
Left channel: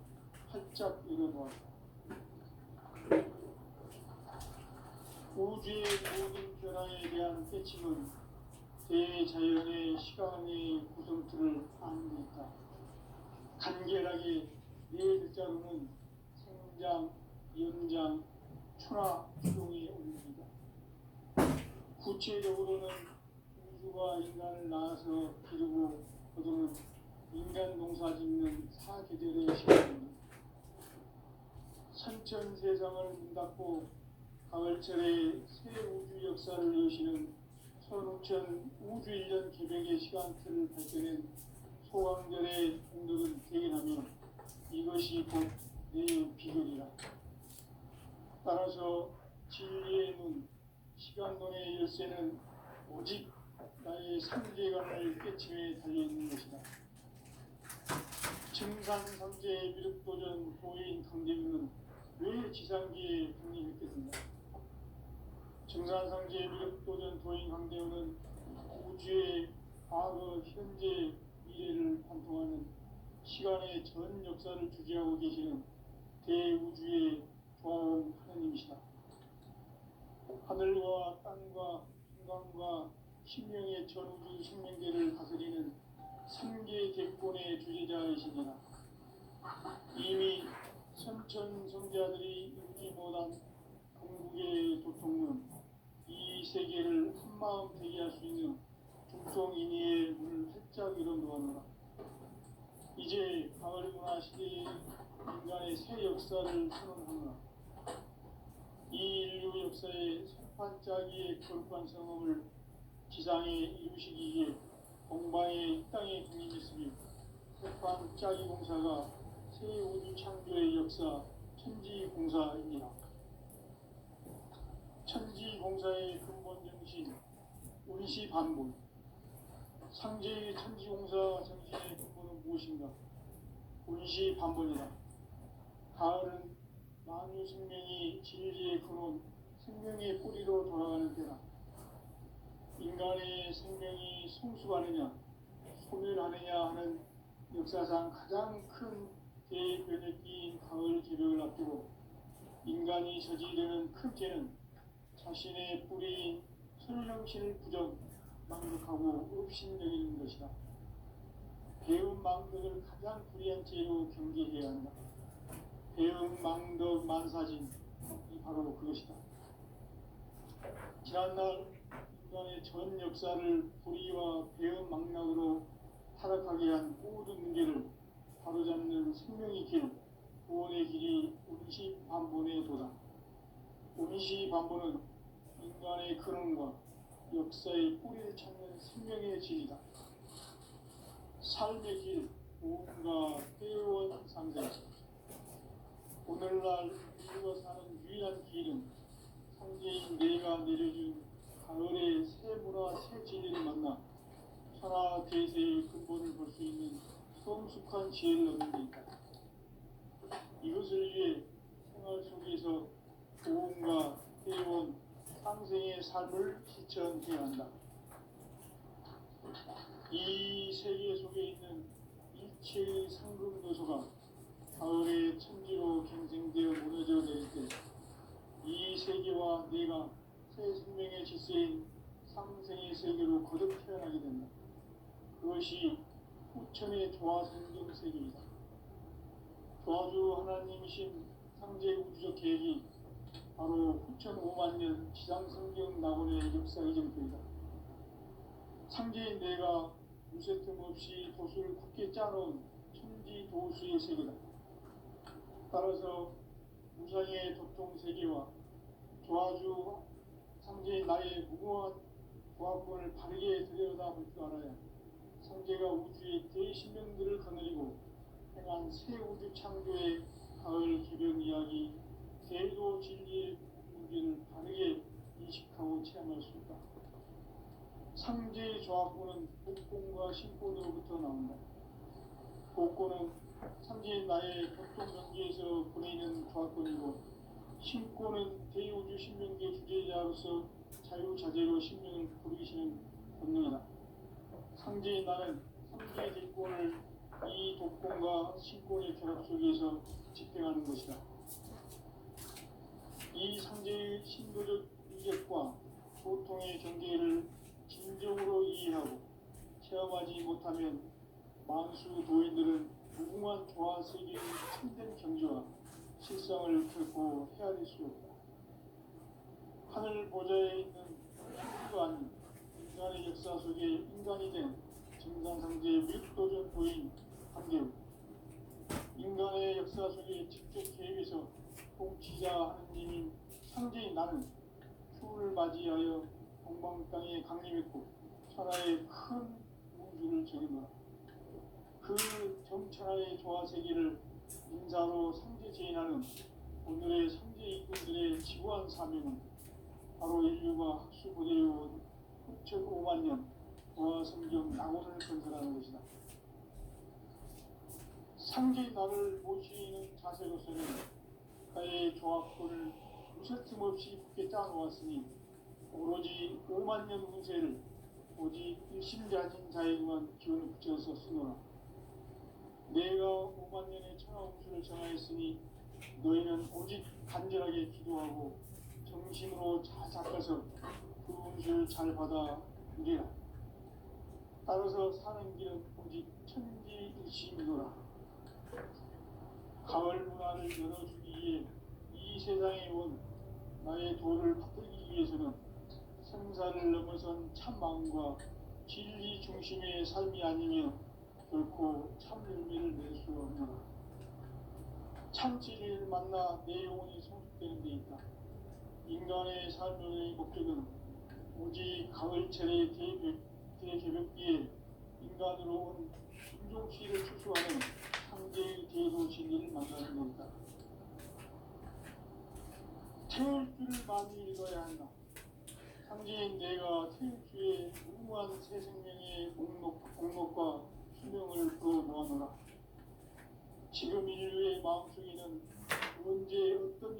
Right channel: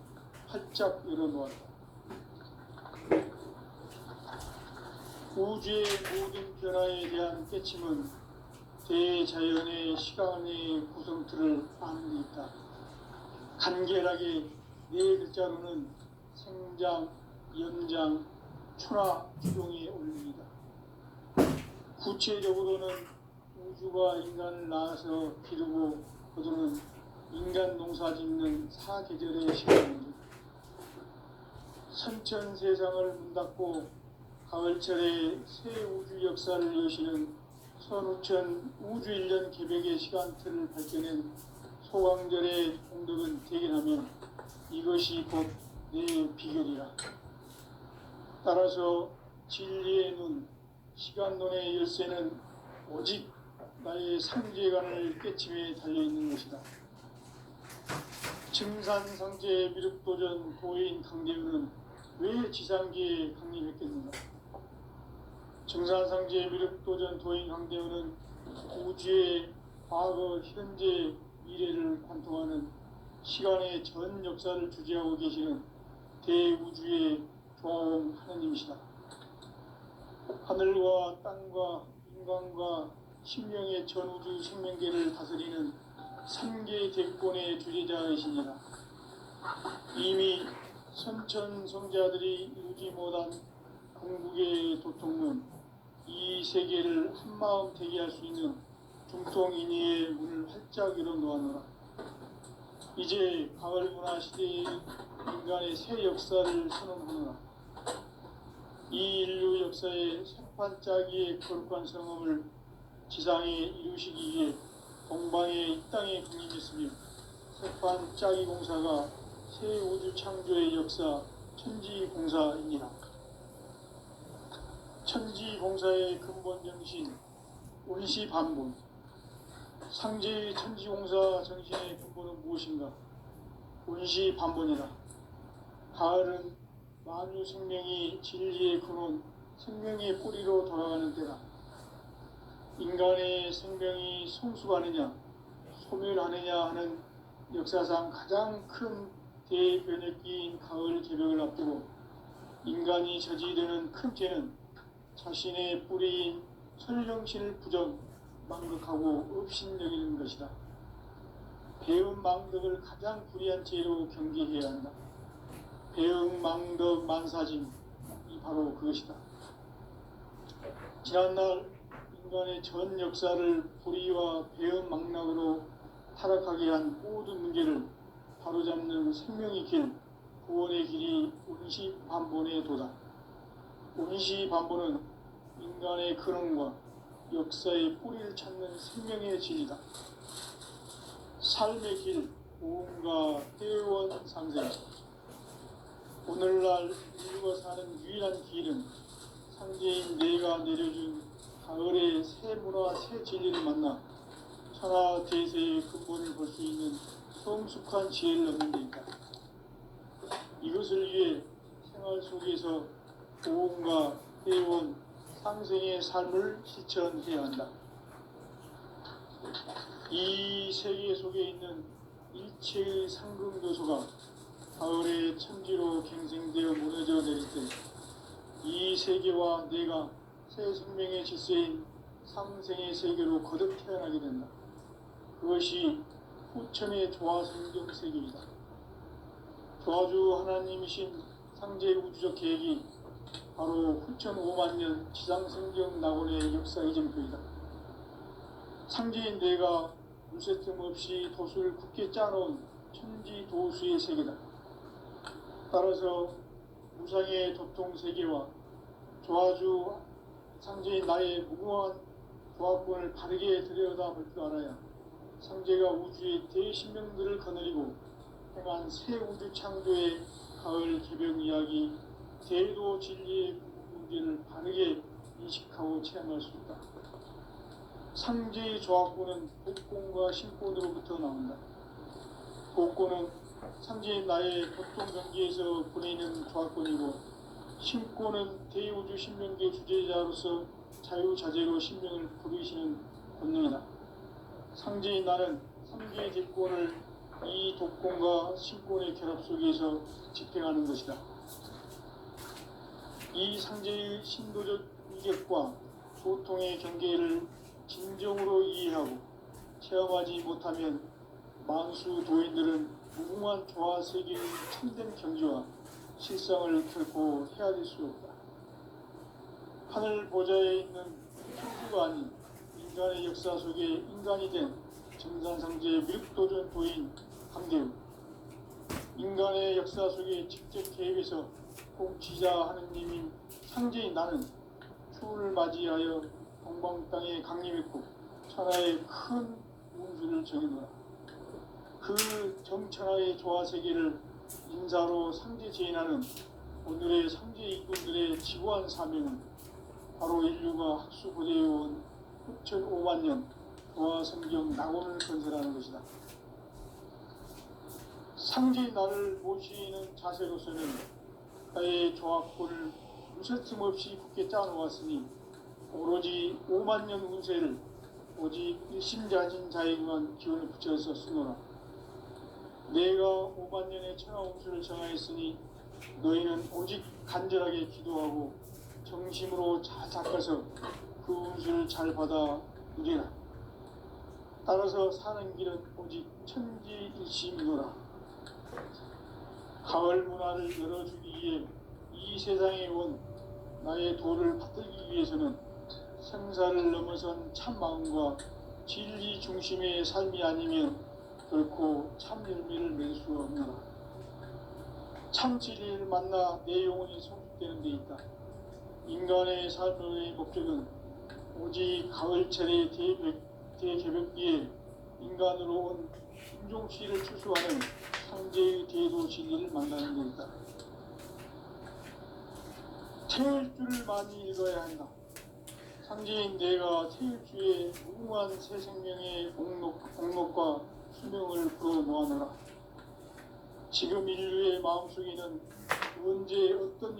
활짝 열어놓았다. 우주의 모든 변화에 대한 깨침은 대자연의 시간의 구성틀을 아는 데 있다. 간결하게 네 글자로는 생장, 연장, 추나 추동의 원리이다. 구체적으로는 우주가 인간을 낳아서 기르고 거두는 인간 농사 짓는 사계절의 시간입니다. 선천 세상을 문 닫고 가을철에 새 우주 역사를 여시는 선우천 우주 1년 계백의 시간틀을 밝혀낸 소강절의 공덕은 대견하면 이것이 곧 내 비결이라. 따라서 진리의 눈, 시간론의 열쇠는 오직 나의 삼재간을 깨침에 달려있는 것이다. 증산상제 미륵도전 도인 강대우는 왜 지상계에 강림했겠는가? 증산상제 미륵도전 도인 강대우는 우주의 과거, 현재, 미래를 관통하는 시간의 전 역사를 주재하고 계시는 대우주의 조화원 하느님이시다. 하늘과 땅과 인간과 신명의 전우주 생명계를 다스리는 3개 대권의 주재자이시니라. 이미 선천성자들이 이루지 못한 궁극의 도통은 이 세계를 한마음 되게 할 수 있는 중통인의의 문을 활짝 열어놓았노라. 이제 가을 문화 시대의 인간의 새 역사를 선언하노라. 이 인류 역사의 새판짜기의 거룩한 성험을 지상에 이루시기 위해 동방의 이 땅에 강림했으며 새판짜기 공사가 새 우주 창조의 역사 천지공사입니다. 천지공사의 근본 정신 운시반본. 상제의 천지공사 정신의 근본은 무엇인가? 운시반본이라. 가을은 만유 생명이 진리의 근원, 생명의 뿌리로 돌아가는 때다. 인간의 생명이 성숙하느냐, 소멸하느냐 하는 역사상 가장 큰 대변혁기인 가을 계백을 앞두고 인간이 저지르는 큰 죄는 자신의 뿌리인 설령신을 부정, 망덕하고 업신여기는 것이다. 배움 망덕을 가장 불의한 죄로 경계해야 한다. 배움 망덕 만사짐이 바로 그것이다. 지난날 인간의 전 역사를 불의와 배은망락으로 타락하게 한 모든 문제를 바로잡는 생명의 길, 구원의 길이 운시반본에 도다. 운시반본은 인간의 근원과 역사의 뿌리를 찾는 생명의 진리다. 삶의 길, 보험과 회원 상생. 오늘날 인류가 사는 유일한 길은 상제인 내가 내려준 가을의 새 문화, 새 진리를 만나 천하 대세의 근본을 볼 수 있는 성숙한 지혜를 얻는 데 있다. 이것을 위해 생활 속에서 보험과 회원, 상생의 삶을 실천해야 한다. 이 세계 속에 있는 일체의 상금도소가 가을의 천지로 갱생되어 무너져 내릴 때 이 세계와 내가 새 생명의 질서인 상생의 세계로 거듭 태어나게 된다. 그것이 후천의 조화성경 세계이다. 조화주 하나님이신 상제 우주적 계획이 바로 후천 5만 년 지상성경 낙원의 역사 이정표이다. 상제인 내가 물새 틈 없이 도수를 굳게 짜놓은 천지 도수의 세계다. 따라서 무상의 도통 세계와 조화주 상제인 나의 무궁한 조화권을 바르게 들여다볼 줄 알아야 상제가 우주의 대신명들을 거느리고 행한 새 우주 창조의 가을 개벽 이야기, 대도 진리의 문제를 바르게 인식하고 체험할 수 있다. 상제의 조화권은 복권과 신권으로부터 나온다. 복권은 상제인 나의 보통 경기에서 보내는 조화권이고, 신권은 대우주 신명계 주제자로서 자유자재로 신명을 부르시는 권능이다. 상제인 나는 상제의 대권을 이 독권과 신권의 결합 속에서 집행하는 것이다. 이 상제의 신도적 위격과 소통의 경계를 진정으로 이해하고 체험하지 못하면 만수 도인들은 무궁한 조화 세계의 참된 경지와 실상을 결코 헤아릴 수 없다. 하늘 보좌에 있는 천주가 아닌 인간의 역사 속에 인간이 된 정산상제의 미륵도전 도인 강대우, 인간의 역사 속에 직접 개입해서 공치자 하느님인 상제인 나는 추운을 맞이하여 동방 땅에 강림했고 천하의 큰 운수를 정해놓아 그 정천하의 조화 세계를 인사로 상제 제인하는 오늘의 상제 인군들의 지구한 사명은 바로 인류가 학수고대해온 후천 5만 년 조화 성경 낙원을 건설하는 것이다. 상제인 나를 모시는 자세로서는 나의 조합권을 무쇠틈 없이 굳게 짜놓았으니 오로지 5만 년 운세를 오직 일심자진 자에게만 기운을 붙여서 쓰노라. 내가 5만 년의 천하 운수를 정하였으니 너희는 오직 간절하게 기도하고 정심으로 잘 닦아서 그 운수를 잘 받아 누리라. 따라서 사는 길은 오직 천지일심이노라. 가을 문화를 열어주기 위해 이 세상에 온 나의 도를 받들기 위해서는 생사를 넘어선 참마음과 진리 중심의 삶이 아니면 결코 참 열매를 맺을 수 없노라. 참 진리를 만나 내 영혼이 성숙되는 데 있다. 인간의 삶의 목적은 오직 가을철의 대개벽기에 인간으로 온 인종시를 추수하는 상제의 대도 진리를 만나는 데 있다. 태일주를 많이 읽어야 한다. 상제인 내가 태일주의 무궁한 새 생명의 공록과 수명을 불어모아노라. 지금 인류의 마음속에는 언제 어떤